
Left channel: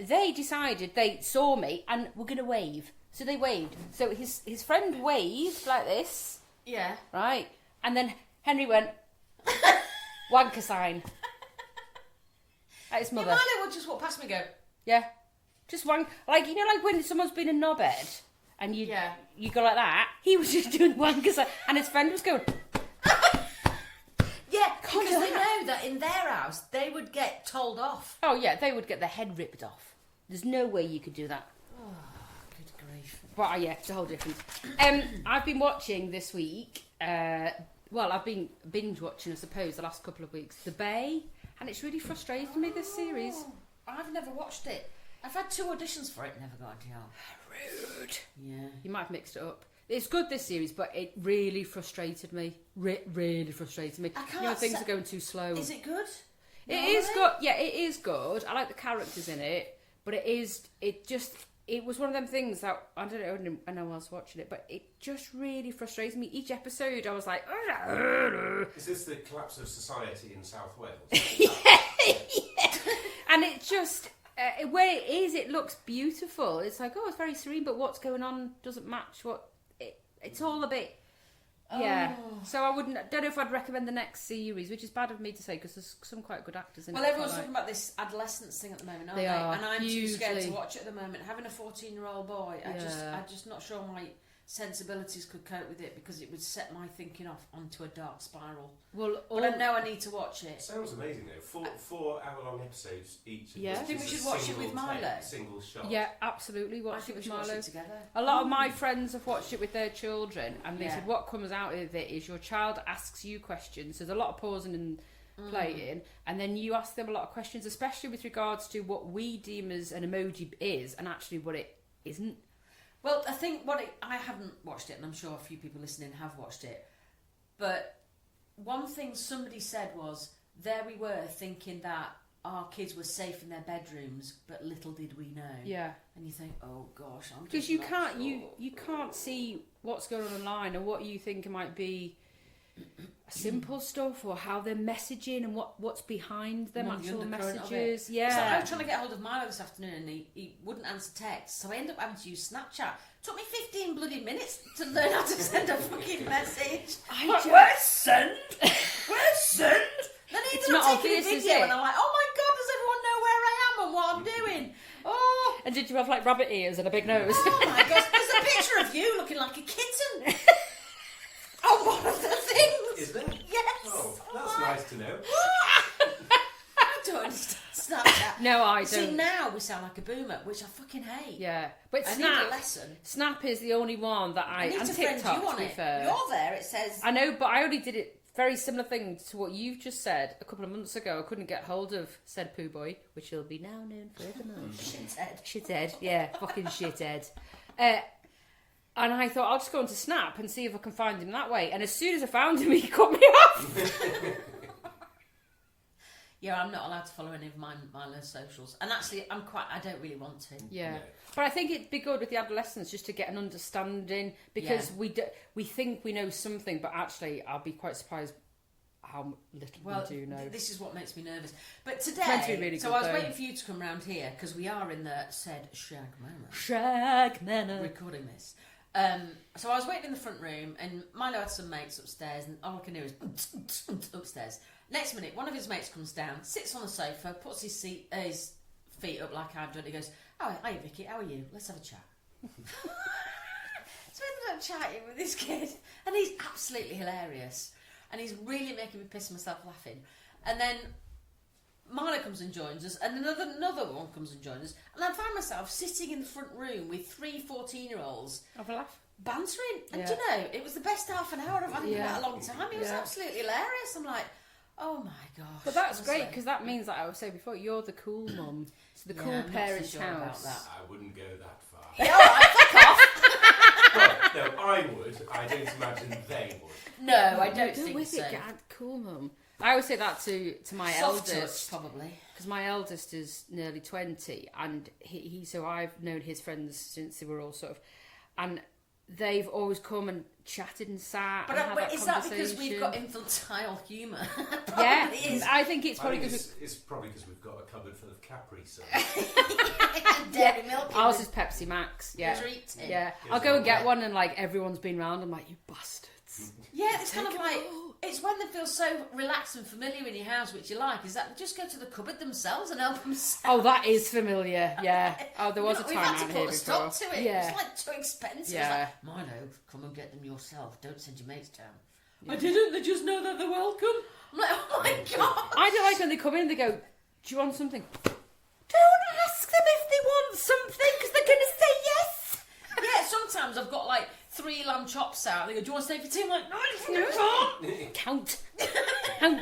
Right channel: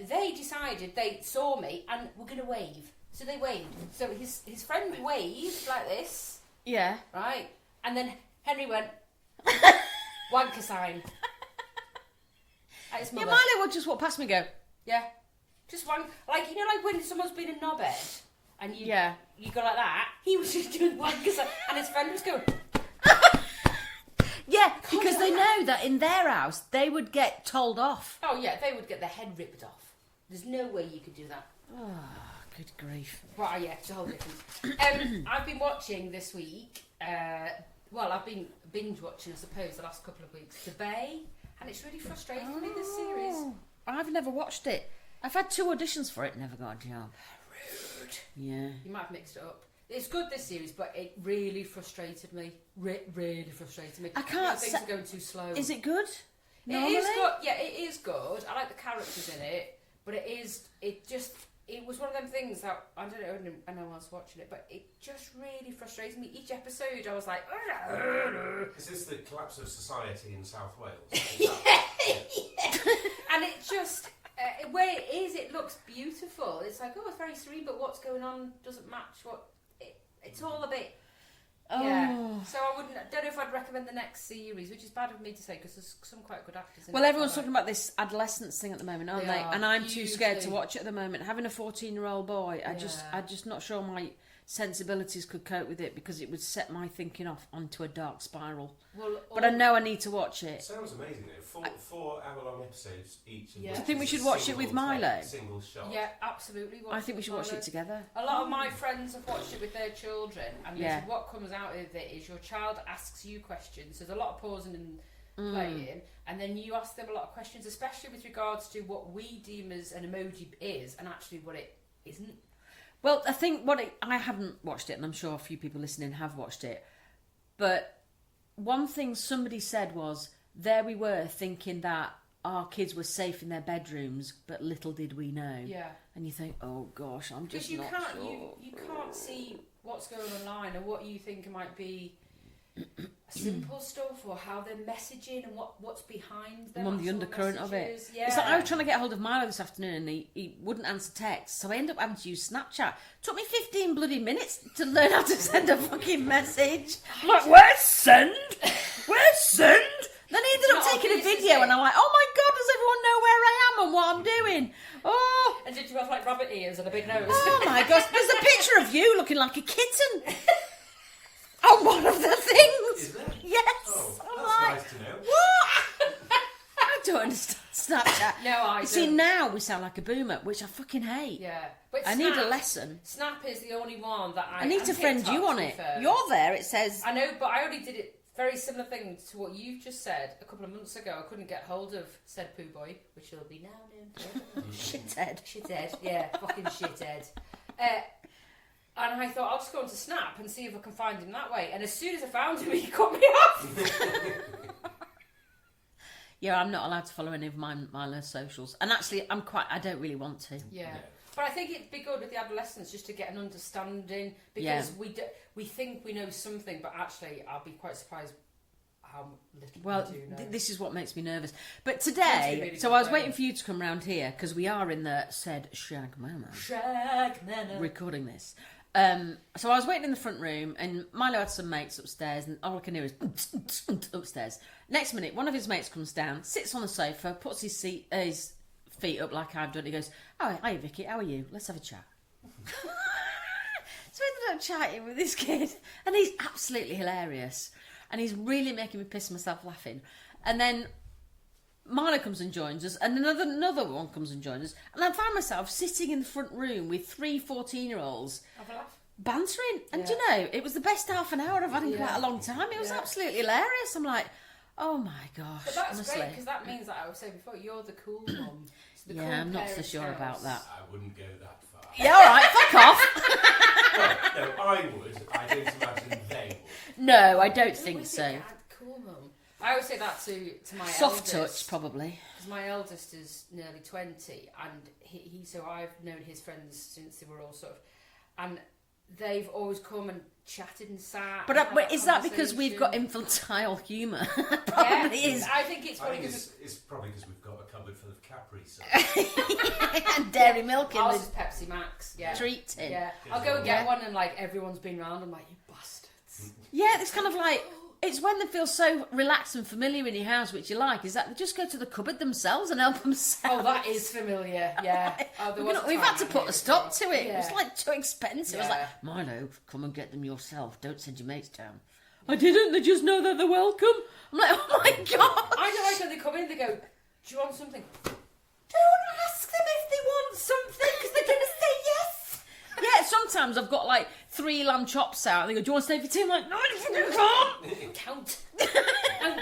they decided they saw me and were going to wave. So they waved. So his friend waved like this, Yeah. right? And then Henry went, wanker sign. At his Yeah, mother. Miley would just walk past me and go, Yeah. Just wank. Like, you know, like when someone's been in knobhead and you go like that, he was just doing wanker sign. And his friend was going, yeah, Can't because do they that. know that in their house they would get told off. oh yeah, they would get their head ripped off. There's no way you could do that. Oh, good grief. Well, yeah, it's a whole difference. I've been watching this week, I've been binge watching, I suppose, the last couple of weeks, The Bay, and it's really frustrated me, this series. Oh, I've never watched it. I've had 2 auditions for it, never got a job. Rude. Yeah. You might have mixed it up. It's good, this series, but it really frustrated me. Really frustrated me. I You know, can't things sa- are going too slow. Is it good? It is good. Yeah, it is good. I like the characters in it, but it was one of them things that I don't know anyone else watching it, but it just really frustrated me. Each episode, I was like, Is this the collapse of society in South Wales? and it just where it is, it looks beautiful. It's like, oh, it's very serene, but what's going on doesn't match what it's all a bit. Yeah, so I don't know if I'd recommend the next series, which is bad of me to say because there's some quite good actors in it. Well, everyone's talking about this adolescence thing at the moment, aren't They they? are, And I'm too scared to hugely. watch it at the moment. Having a 14-year-old boy, I'm just not sure my sensibilities could cope with it because it would set my thinking off onto a dark spiral. Well, But I know I need to watch It it. sounds amazing though. 4 hour-long episodes each. Yeah. which I think we is should a watch it single with Milo. take, Single shot. Yeah, absolutely. I think we should watch it together. A lot of my friends have watched it with their children, and they Yeah. said what comes out of it is your child asks you questions. So there's a lot of pausing and playing, and then you ask them a lot of questions, especially with regards to what we deem as an emoji is, and actually what it isn't. Well, I think I haven't watched it, and I'm sure a few people listening have watched it. But one thing somebody said was, there we were thinking that our kids were safe in their bedrooms, but little did we know. Yeah, And you think, oh gosh, I'm because just you not can't sure. you can't see what's going on online or what you think might be simple stuff or how they're messaging and what's behind them. One of the actual undercurrent of it. messages. Yeah, It's like I was trying to get hold of Milo this afternoon and he wouldn't answer texts, so I ended up having to use Snapchat. Took me 15 bloody minutes to learn how to send a fucking message. I'm like, where's send? Where's send? Then he ended up not taking a obvious, is video it? and I'm like, oh my god, does everyone know where I am and what I'm doing? Oh, And did you have like rabbit ears and a big nose? oh my gosh, there's a picture of you looking like a kitten. On one of the things. Is there? Yes. Oh, I'm that's like, nice to know. what? I don't understand Snapchat. No, I You see, don't. now we sound like a boomer, which I fucking hate. Yeah, but I Snap, need a lesson. Snap is the only one that I need and to friend TikTok, you on to be it. fair. You're there, it says... I know, but I only did it very similar thing to what you've just said a couple of months ago. I couldn't get hold of said poo boy, which he'll be now known forevermore. Shithead. Shithead, yeah, fucking shithead. And I thought I'll just go onto Snap and see if I can find him that way. And as soon as I found him, he cut me off. Yeah, I'm not allowed to follow any of Milo's socials. And actually, I don't really want to. Yeah. No. But I think it'd be good with the adolescents just to get an understanding because we think we know something, but actually I'll be quite surprised how little Well, we do know. this is what makes me nervous. But Meant to be today, really so good I was though. waiting for you to come round here because we are in the said Shag Manor Shag Manor. recording this. So I was waiting in the front room and Milo had some mates upstairs and all I can hear is upstairs. Next minute, one of his mates comes down, sits on the sofa, puts his feet up like I've done. He goes, "Oh, hi Vicky, how are you? Let's have a chat." So I ended up chatting with this kid, and he's absolutely hilarious, and he's really making me piss myself laughing. And then Milo comes and joins us, and another one comes and joins us, and I found myself sitting in the front room with 3 14-year-olds Have a laugh. bantering. And Yeah. do you know, it was the best half an hour I've had in Yeah. quite a long time. It was Yeah. absolutely hilarious. I'm like, oh my gosh. But that's honestly. great because that means, like I was saying before, you're the cool mum to the Yeah, cool I'm not so parents' sure house. about that. I wouldn't go that far. Yeah, all right, fuck off. Well, no, I would. I don't imagine they would. No, I don't Go think with so. it, Dad. Cool, Mum. I always say that to my Soft eldest. touch, probably. Because my eldest is nearly 20, and he so I've known his friends since they were all sort of, and they've always come and chatted and sat. But, and had is that because we've got conversation. infantile humour? Yeah, Probably is. I think it's I probably think because it's probably because we've got a cupboard full of Capri Suns. And dairy milk in ours the is Pepsi Max. Yeah, treat tin. yeah. Yes, I'll go and get yeah. one, and like everyone's been round. I'm like, you bastards. Yeah, it's kind of like, it's when they feel so relaxed and familiar in your house, which you like, is that they just go to the cupboard themselves and help themselves. Oh, that is familiar. Yeah. Oh, there was a time We've had to out put here a stop before. to it. Yeah. It's like too expensive. Yeah. It's like, Milo, come and get them yourself. Don't send your mates down. I didn't. They just know that they're welcome. I'm like, oh my god. I don't like when they come in. They go, "Do you want something?" Don't ask them if they want something because they're going to say yes. Yeah, sometimes I've got like 3 lamb chops out and they go, do you want to stay for tea? I'm like, no, you can't. Count. Count.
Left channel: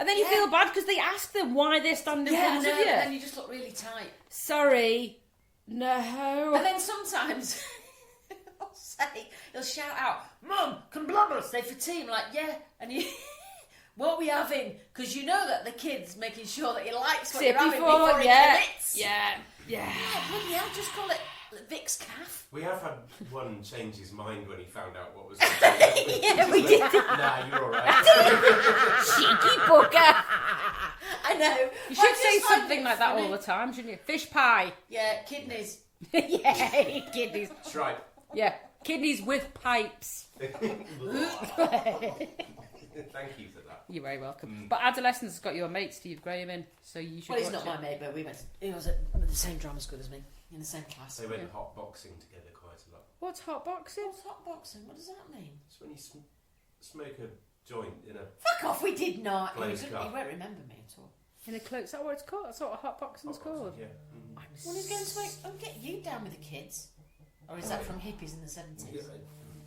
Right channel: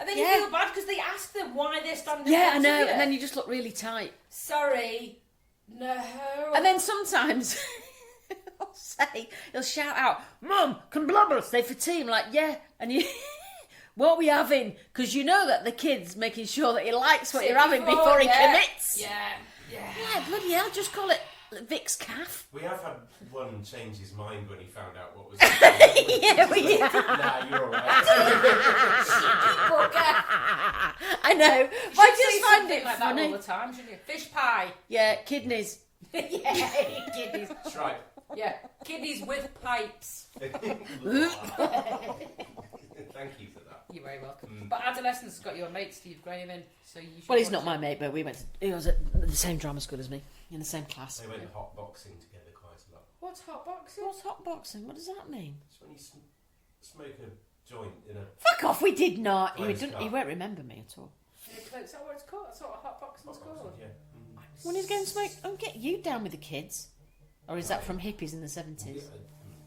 And then you Yeah. feel bad because they ask them why they're standing in Yeah, I front know. of you. And then you just look really tight. Sorry. No. And then sometimes he'll shout out, Mum, can Blubber stay for tea? I'm like, yeah. And you, what are we having? Because you know that the kid's making sure that he likes what See, you're having before he yeah. commits. Yeah. Yeah. Yeah, bloody hell, just call it Vic's calf. We have had one change his mind when he found out what was. Yeah, we did. Nah, you're alright. Cheeky bugger. I know. You I should just say find something it like that funny. all the time, shouldn't you? Fish pie. Yeah, kidneys. Yeah, kidneys. That's right. Yeah, kidneys with pipes. Thank you for that. You're very welcome. But Adolescence has got your mate Steve Graham in, so you should. Well, he's watch not it. my mate, but he was at the same drama school as me, in the same class. They went hot boxing together quite a lot. What's hot boxing? What's hot boxing? What does that mean? It's when you smoke a joint in a. Fuck off, we did not. Close He car. won't remember me at all. In a cloak. Is that what it's called? That's what hot boxing's called. Yeah. When he's going to make, get you down with the kids. Or is that from hippies in the 70s?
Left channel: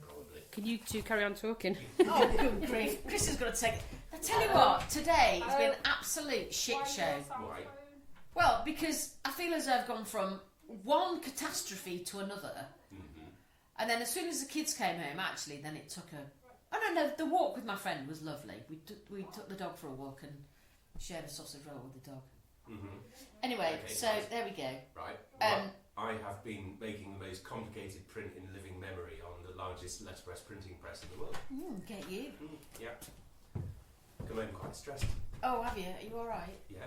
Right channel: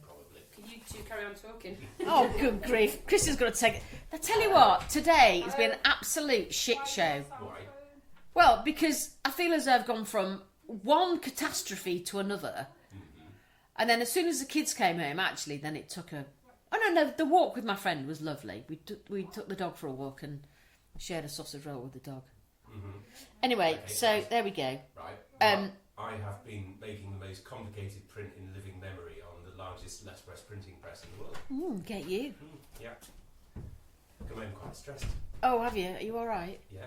Probably. Can you two carry on talking? Oh, good grief. Chris is going to take it. I tell you what, today has been an absolute shit show. Why? Well, because I feel as though I've gone from one catastrophe to another. And then as soon as the kids came home, actually, then it took a... Oh, no, the walk with my friend was lovely. We took the dog for a walk and shared a sausage roll with the dog. Anyway, Okay. so there we go. Right. Um, I have been making the most complicated print in living memory on the largest letterpress printing press in the world. Get you. Yeah. Come home quite stressed. Oh, have you? Are you all right? Yeah.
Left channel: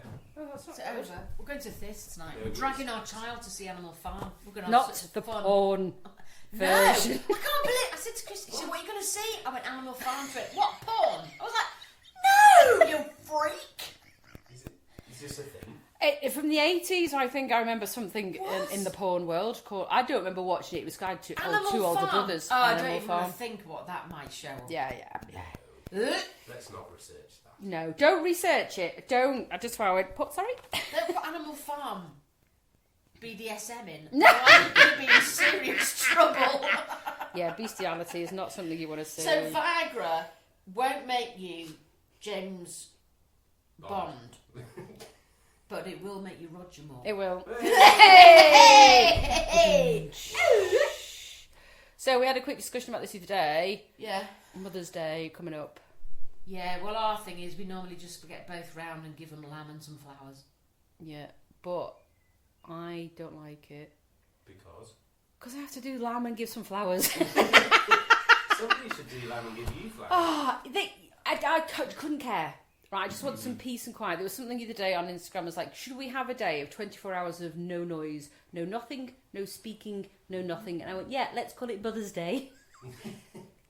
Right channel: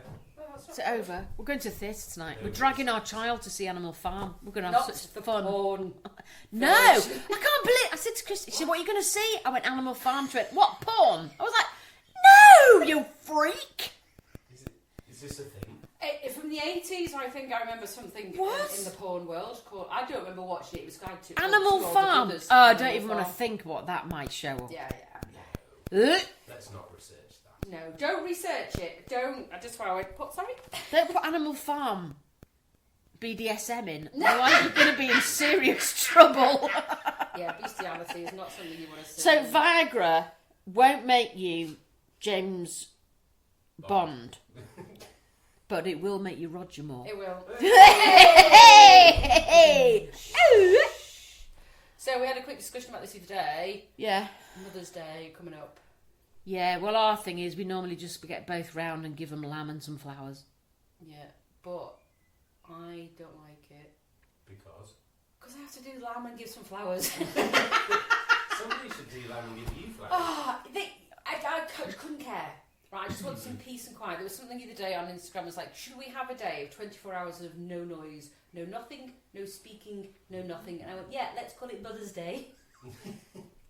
Is it over? We're going to the theatre tonight. We're dragging our child to see Animal Farm. We're going to have Not such the fun. porn. No, I version. can't believe. I said to Chris, she said, "What are you going to see?" I went Animal Farm to it. What porn? I was like, "No, you freak!" Is this a thing? From the 80s, I think I remember something What? in the porn world called. I don't remember watching it. It was Guide to Animal Two Older Farm. Brothers. Oh, I Animal don't even want to Farm. think what that might show up. Yeah. Let's not research that. No, don't research it. Don't. I just thought I would put. Sorry. Don't put Animal Farm BDSM in. No, I'm going to be in serious trouble. Yeah, bestiality is not something you want to see. So Viagra won't make you James Bond, but it will make you Roger Moore. It will. Hey! So we had a quick discussion about this the other day. Yeah. Mother's Day coming up. Yeah, well, our thing is we normally just get both round and give them lamb and some flowers. Yeah, but I don't like it Because I have to do lamb and give some flowers. somebody should do lamb and give you flowers. I couldn't care. Right, I just want some peace and quiet. There was something the other day on Instagram. It was like, should we have a day of 24 hours of no noise, no nothing, no speaking, no nothing? And I went, yeah, let's call it Mother's Day.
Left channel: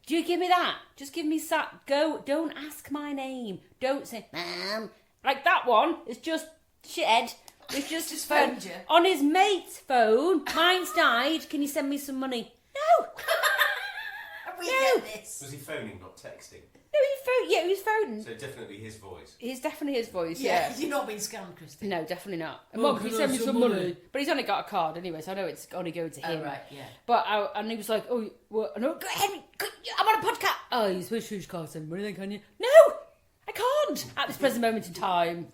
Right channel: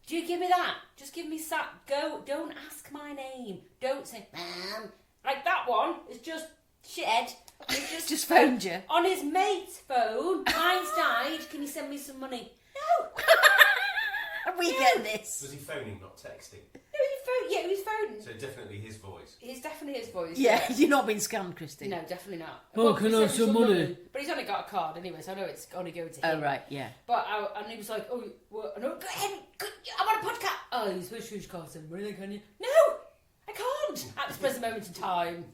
Do you give me that? Just give me go. Don't ask my name. Don't say, Mum. Like that one. It's just shithead. It's just phoned you. on his mate's phone. Mine's died. Can you send me some money? No. We No. get this. Was he phoning, not texting? No, he phoned. Yeah, he was phoning. So definitely his voice. It's definitely his voice. Yeah, you're not being scammed, Christy. No, definitely not. Oh, Well, can he I sent have me some money? But he's only got a card anyway, so I know it's only going to him. Oh, right, yeah. But and he was like, "Oh, well, no, go ahead, I'm on a podcast." Oh, you suppose you can't send money then, can you? No, I can't at this present moment in time.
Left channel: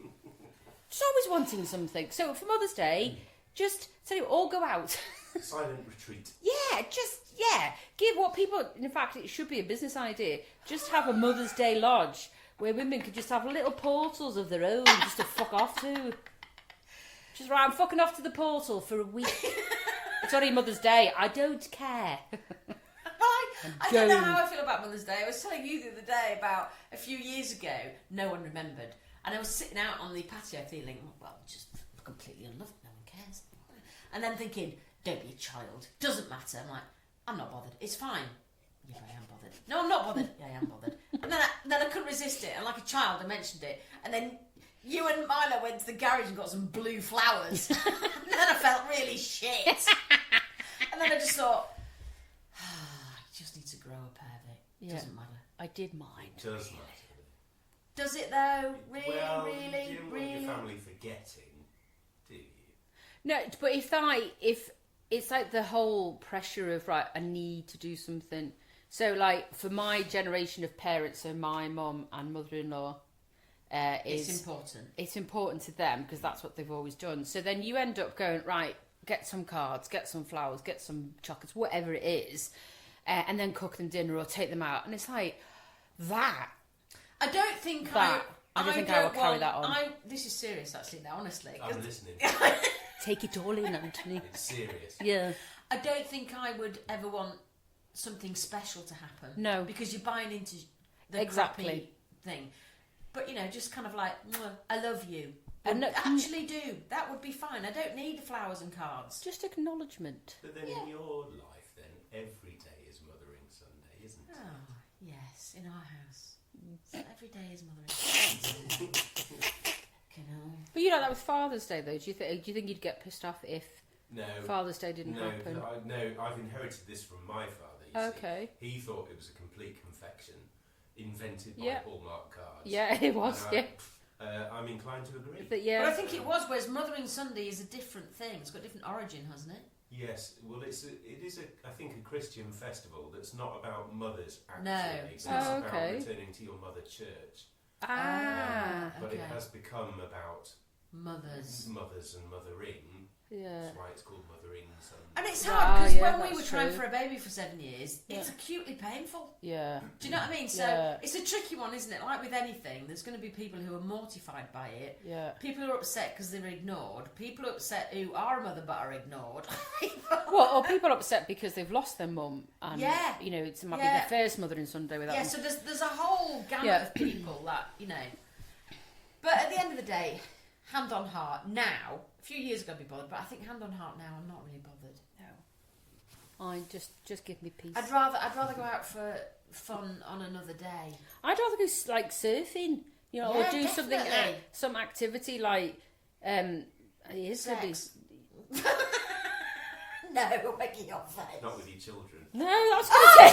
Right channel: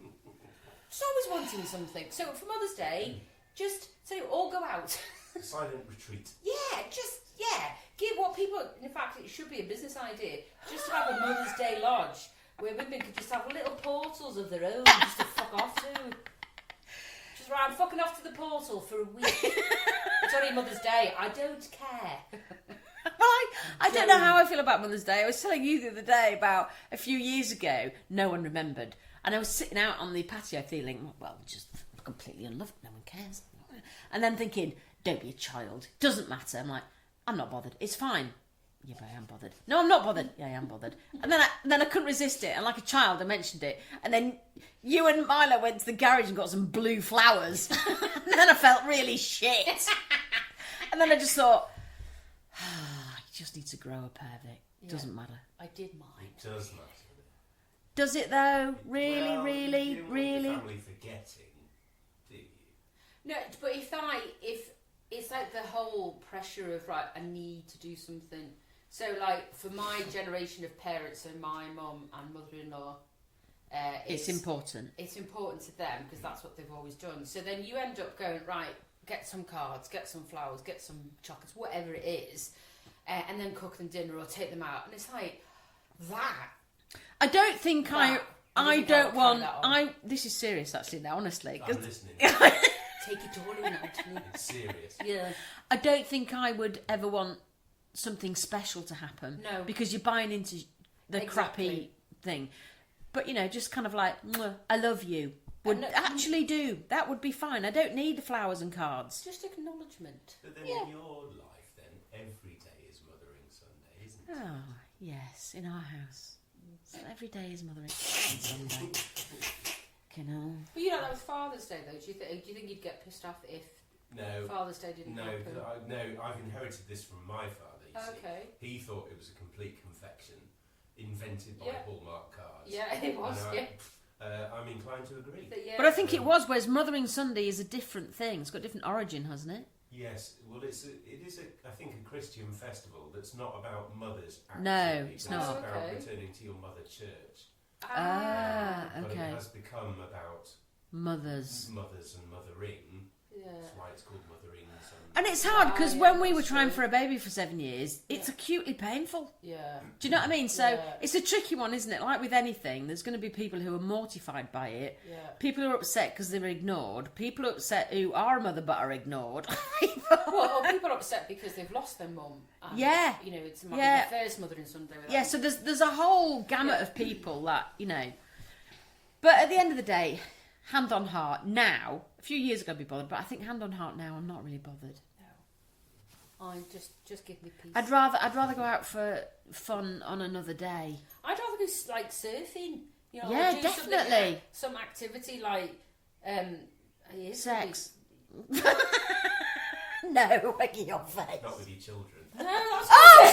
Just always wanting something. So for Mother's Day, just so all go out. Silent retreat. Give what people. In fact, it should be a business idea. Just have a Mother's Day lodge where women could just have little portals of their own, just to fuck off to. Just right, I'm fucking off to the portal for a week. It's only Mother's Day. I don't care. I don't know how I feel about Mother's Day. I was telling you the other day about a few years ago, no one remembered. And I was sitting out on the patio feeling, well, just completely unloved, no one cares. And then thinking, don't be a child, doesn't matter. I'm like, I'm not bothered, it's fine. Yeah, but I am bothered. No, I'm not bothered. Yeah, I am bothered. And then I couldn't resist it. And like a child, I mentioned it. And then you and Milo went to the garage and got some blue flowers. And then I felt really shit. And then I just thought, you just need to grow a pair of it. It doesn't matter. I did mine. It does matter. Does it though? Really, You don't really? want your family forgetting, do you? No, but if it's like the whole pressure of right, I need to do something. So like for my generation of parents, so my mum and mother-in-law, It's important. It's important to them because that's what they've always done. So then you end up going, right, get some cards, get some flowers, get some chocolates, whatever it is, and then cook them dinner or take them out. And it's like that. I don't think I would don't carry want. that on. This is serious, actually. Now, honestly, I'm listening. Take it all in, Anthony. It's serious. Yeah. I don't think I would ever want something special to happen. No. Because you're buying into the Exactly. crappy thing. But, just kind of like, "Mwah, I love you. And Would actually do. That would be fine. I don't need the flowers and cards. Just acknowledgement. But then in your life, then, every day is Mothering Sunday, isn't it? Oh, yes, in our house. So every day is Mothering Sunday. But that was Father's Day, though. Do you think you'd get pissed off if No. Father's Day didn't happen? I've inherited this from my father. You see. Okay. He thought it was a complete confection invented by Yeah. Hallmark cards. Yeah, it was. And Yeah. I'm inclined to agree. Yeah. But I think it was, whereas Mothering Sunday is a different thing. It's got a different origin, hasn't it? Yes, well, it is I think, a Christian festival that's not about mothers. Actually. No, it's it's not. about Okay. returning to your mother church. Okay. But it has become about Mothers. mothers and mothering. Yeah. That's why it's called Mothering Sunday. And it's hard because when we that's were trying true. for a baby for 7 years, it's Yeah. acutely painful. Yeah. Do you know what I mean? So Yeah. it's a tricky one, isn't it? Like with anything, there's going to be people who are mortified by it. Yeah. People who are upset because they're ignored. People who are upset who are a mother but are ignored. Well, or people upset because they've lost their mum. And, Yeah. It might Yeah. be the first Mothering Sunday without Yeah, so there's a whole gamut Yeah. of people that, But at the end of the day, hand on heart, now, a few years ago I'd be bothered, but I think hand on heart now I'm not really bothered. I just give me peace. I'd rather go out for fun on another day. I'd rather go like surfing, Yeah, or do something, definitely. some activity like Sex. No, making your face. Not with your children. No, that's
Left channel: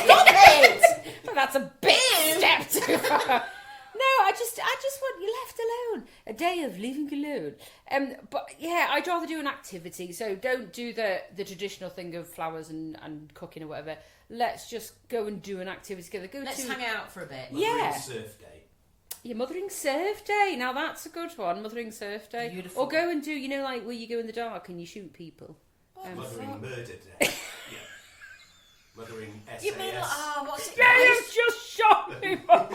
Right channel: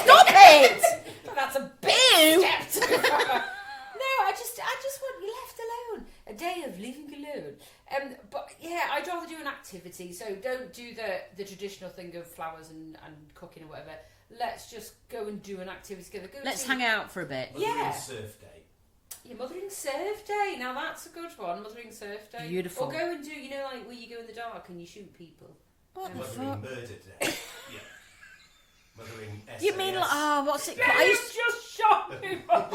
Stop it! that's a big step too far. No, I just want you left alone. A day of living alone. But yeah, I'd rather do an activity. So don't do the traditional thing of flowers and cooking or whatever. Let's just go and do an activity together. Let's hang out for a bit. Mothering Yeah. Surf Day. Your Mothering Surf Day. Now that's a good one. Mothering Surf Day. Beautiful. Or go and do, like where you go in the dark and you shoot people. Mothering Murder Day. Yeah. Mothering SAS. You mean, what's it Yeah, you called? just shot people.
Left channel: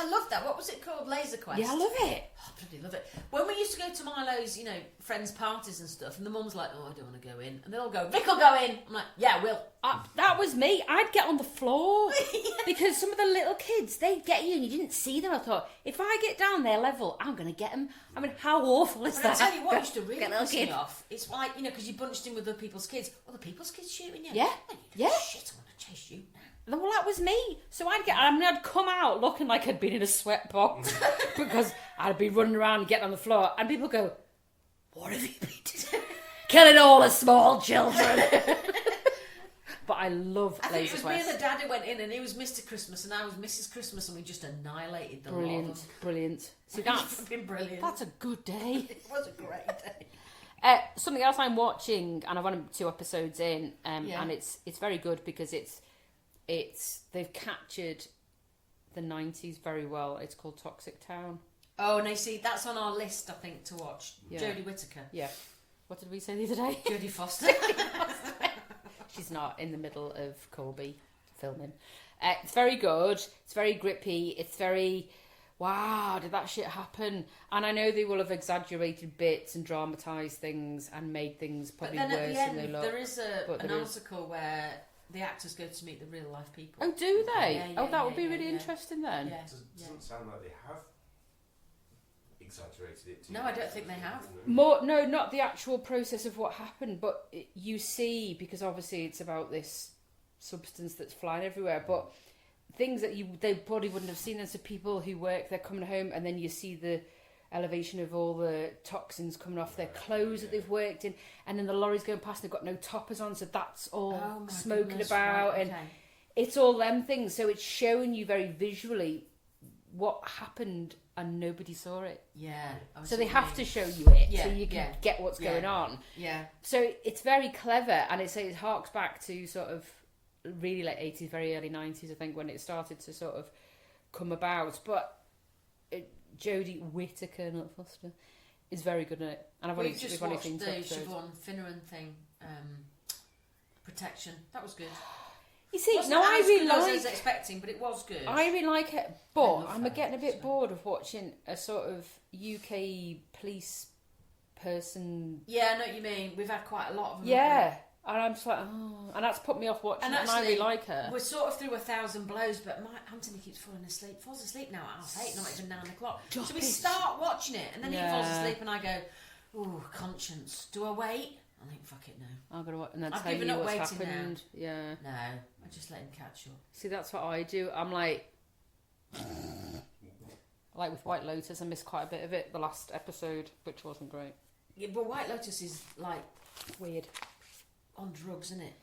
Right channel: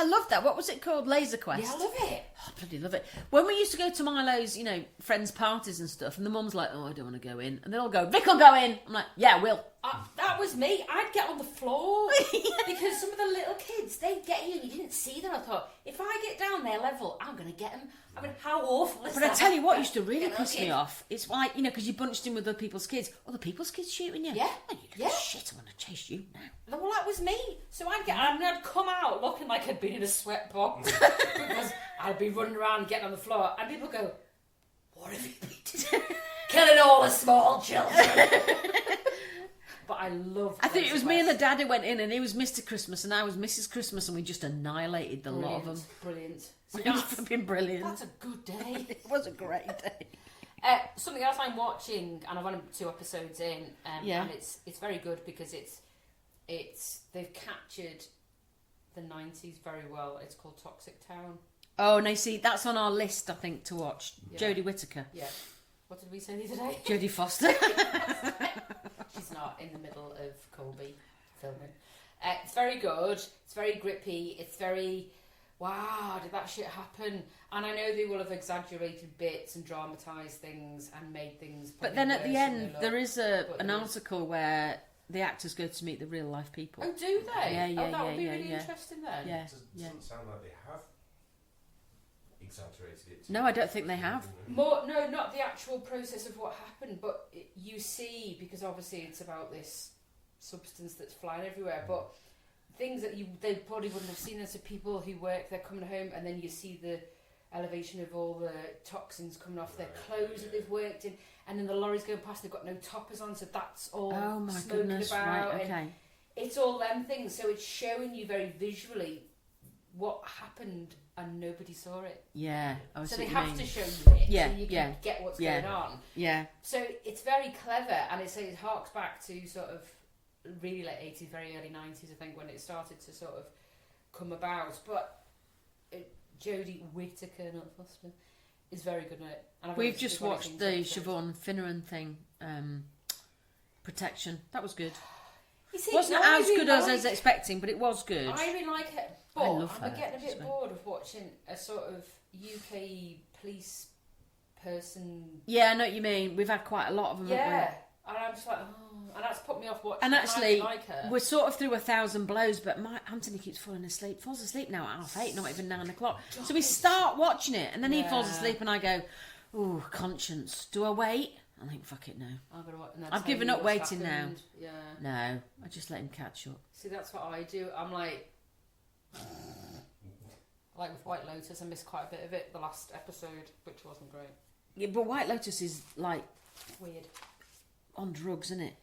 I love that. What was it called? Laser Quest. Yeah, I love it. Oh, I bloody love it. When we used to go to Milo's, friends' parties and stuff, and the mum's like, "Oh, I don't want to go in," and they all go, "Vic will go in." I'm like, "Yeah, I will." That was me. I'd get on the floor because some of the little kids, they'd get you and you didn't see them. I thought, if I get down their level, I'm going to get them. I mean, how awful is But that? I tell you what used to really Get a piss me kid. off. It's like, because you bunched in with other people's kids. Other people's kids shooting you. Yeah. Man, you Yeah. Shit, I want to chase you now. Well, that was me. So I'd come out looking like I'd been in a sweatbox because I'd be running around getting on the floor, and people go, "What have you been doing?" Killing all the small children. But I love. I think it was Laser me and the Quest. dad who went in, and he was Mr. Christmas, and I was Mrs. Christmas, and we just annihilated the lot of them. Brilliant. See, It was that's fucking brilliant. a good day. It was a great day. Something else I'm watching, and I've only 2 episodes in, Yeah. and it's very good because they've captured the 90s very well. It's called Toxic Town. Oh, no, see, that's on our list, I think, to watch. Yeah. Jodie Whittaker. Yeah. What did we say the other day? Jodie Foster. She's not in the middle of Colby filming. It's very good. It's very grippy. It's very, wow, did that shit happen? And I know they will have exaggerated bits and dramatised things and made things But probably then worse at the than they end, look. there is an there is- article where the actors go to meet the real life people. Oh, do they? Yeah, Oh, that would be yeah, really yeah. interesting then. Yeah, Doesn't sound like they have exaggerated it. too No, I don't much, think they have. More, no, not the actual process of what happened, but you see, because obviously it's about this substance that's flying everywhere, but things that they probably wouldn't have seen as the people who work, they're coming home, and then you see the elevation of all the toxins coming off their clothes that they've worked in, and then the lorries going past, they've got no toppers on, so that's all Oh my smoking goodness, about, right, and okay. it's all them things, so it's showing you very visually what happened and nobody saw it. Yeah. I So see they what you have mean. to show you it, Yeah, so you can yeah, get what's yeah. going on. Yeah. So it's very clever, and it harks back to sort of really late 80s, very early 90s, I think, when it started to sort of come about. But Jodie Whittaker, not Foster, is very good at it. And We've just only watched seen the two episodes. Siobhan Finneran thing, Protection. That was good. You see, Wasn't no, I as really good as I like- was expecting, but it was good. I really like it, I but love I'm her, getting a bit so. bored of watching a sort of UK police person. Yeah, I know what you mean. We've had quite a lot of them. haven't we? Yeah, and I'm just like, oh, and that's put me off watching. And it, actually, I really like her. we're sort of through 1,000 blows, but Anthony keeps falling asleep. Falls asleep now at 8:30, not even 9 o'clock. So we start watching it, and then he falls Yeah. asleep, and I go, "Ooh, conscience. Do I wait?" I think, "Fuck it, no." I'm gonna watch, and then I've tell given you up what's waiting now. happened. Yeah. No, I just let him catch up. See, that's what I do. I'm like with White Lotus, I missed quite a bit of it. The last episode, which wasn't great. Yeah, but White Lotus is like Weird. on drugs, isn't it?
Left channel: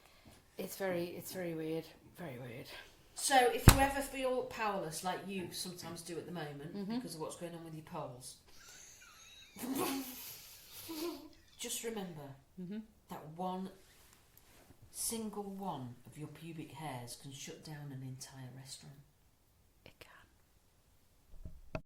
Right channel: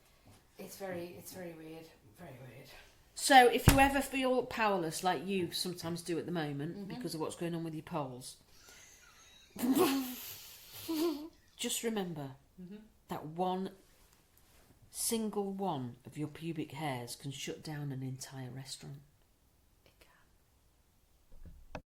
It's very weird. Very weird. So if you ever feel powerless, like you sometimes do at the moment, because of what's going on with your polls, just remember that one single one of your pubic hairs can shut down an entire restaurant.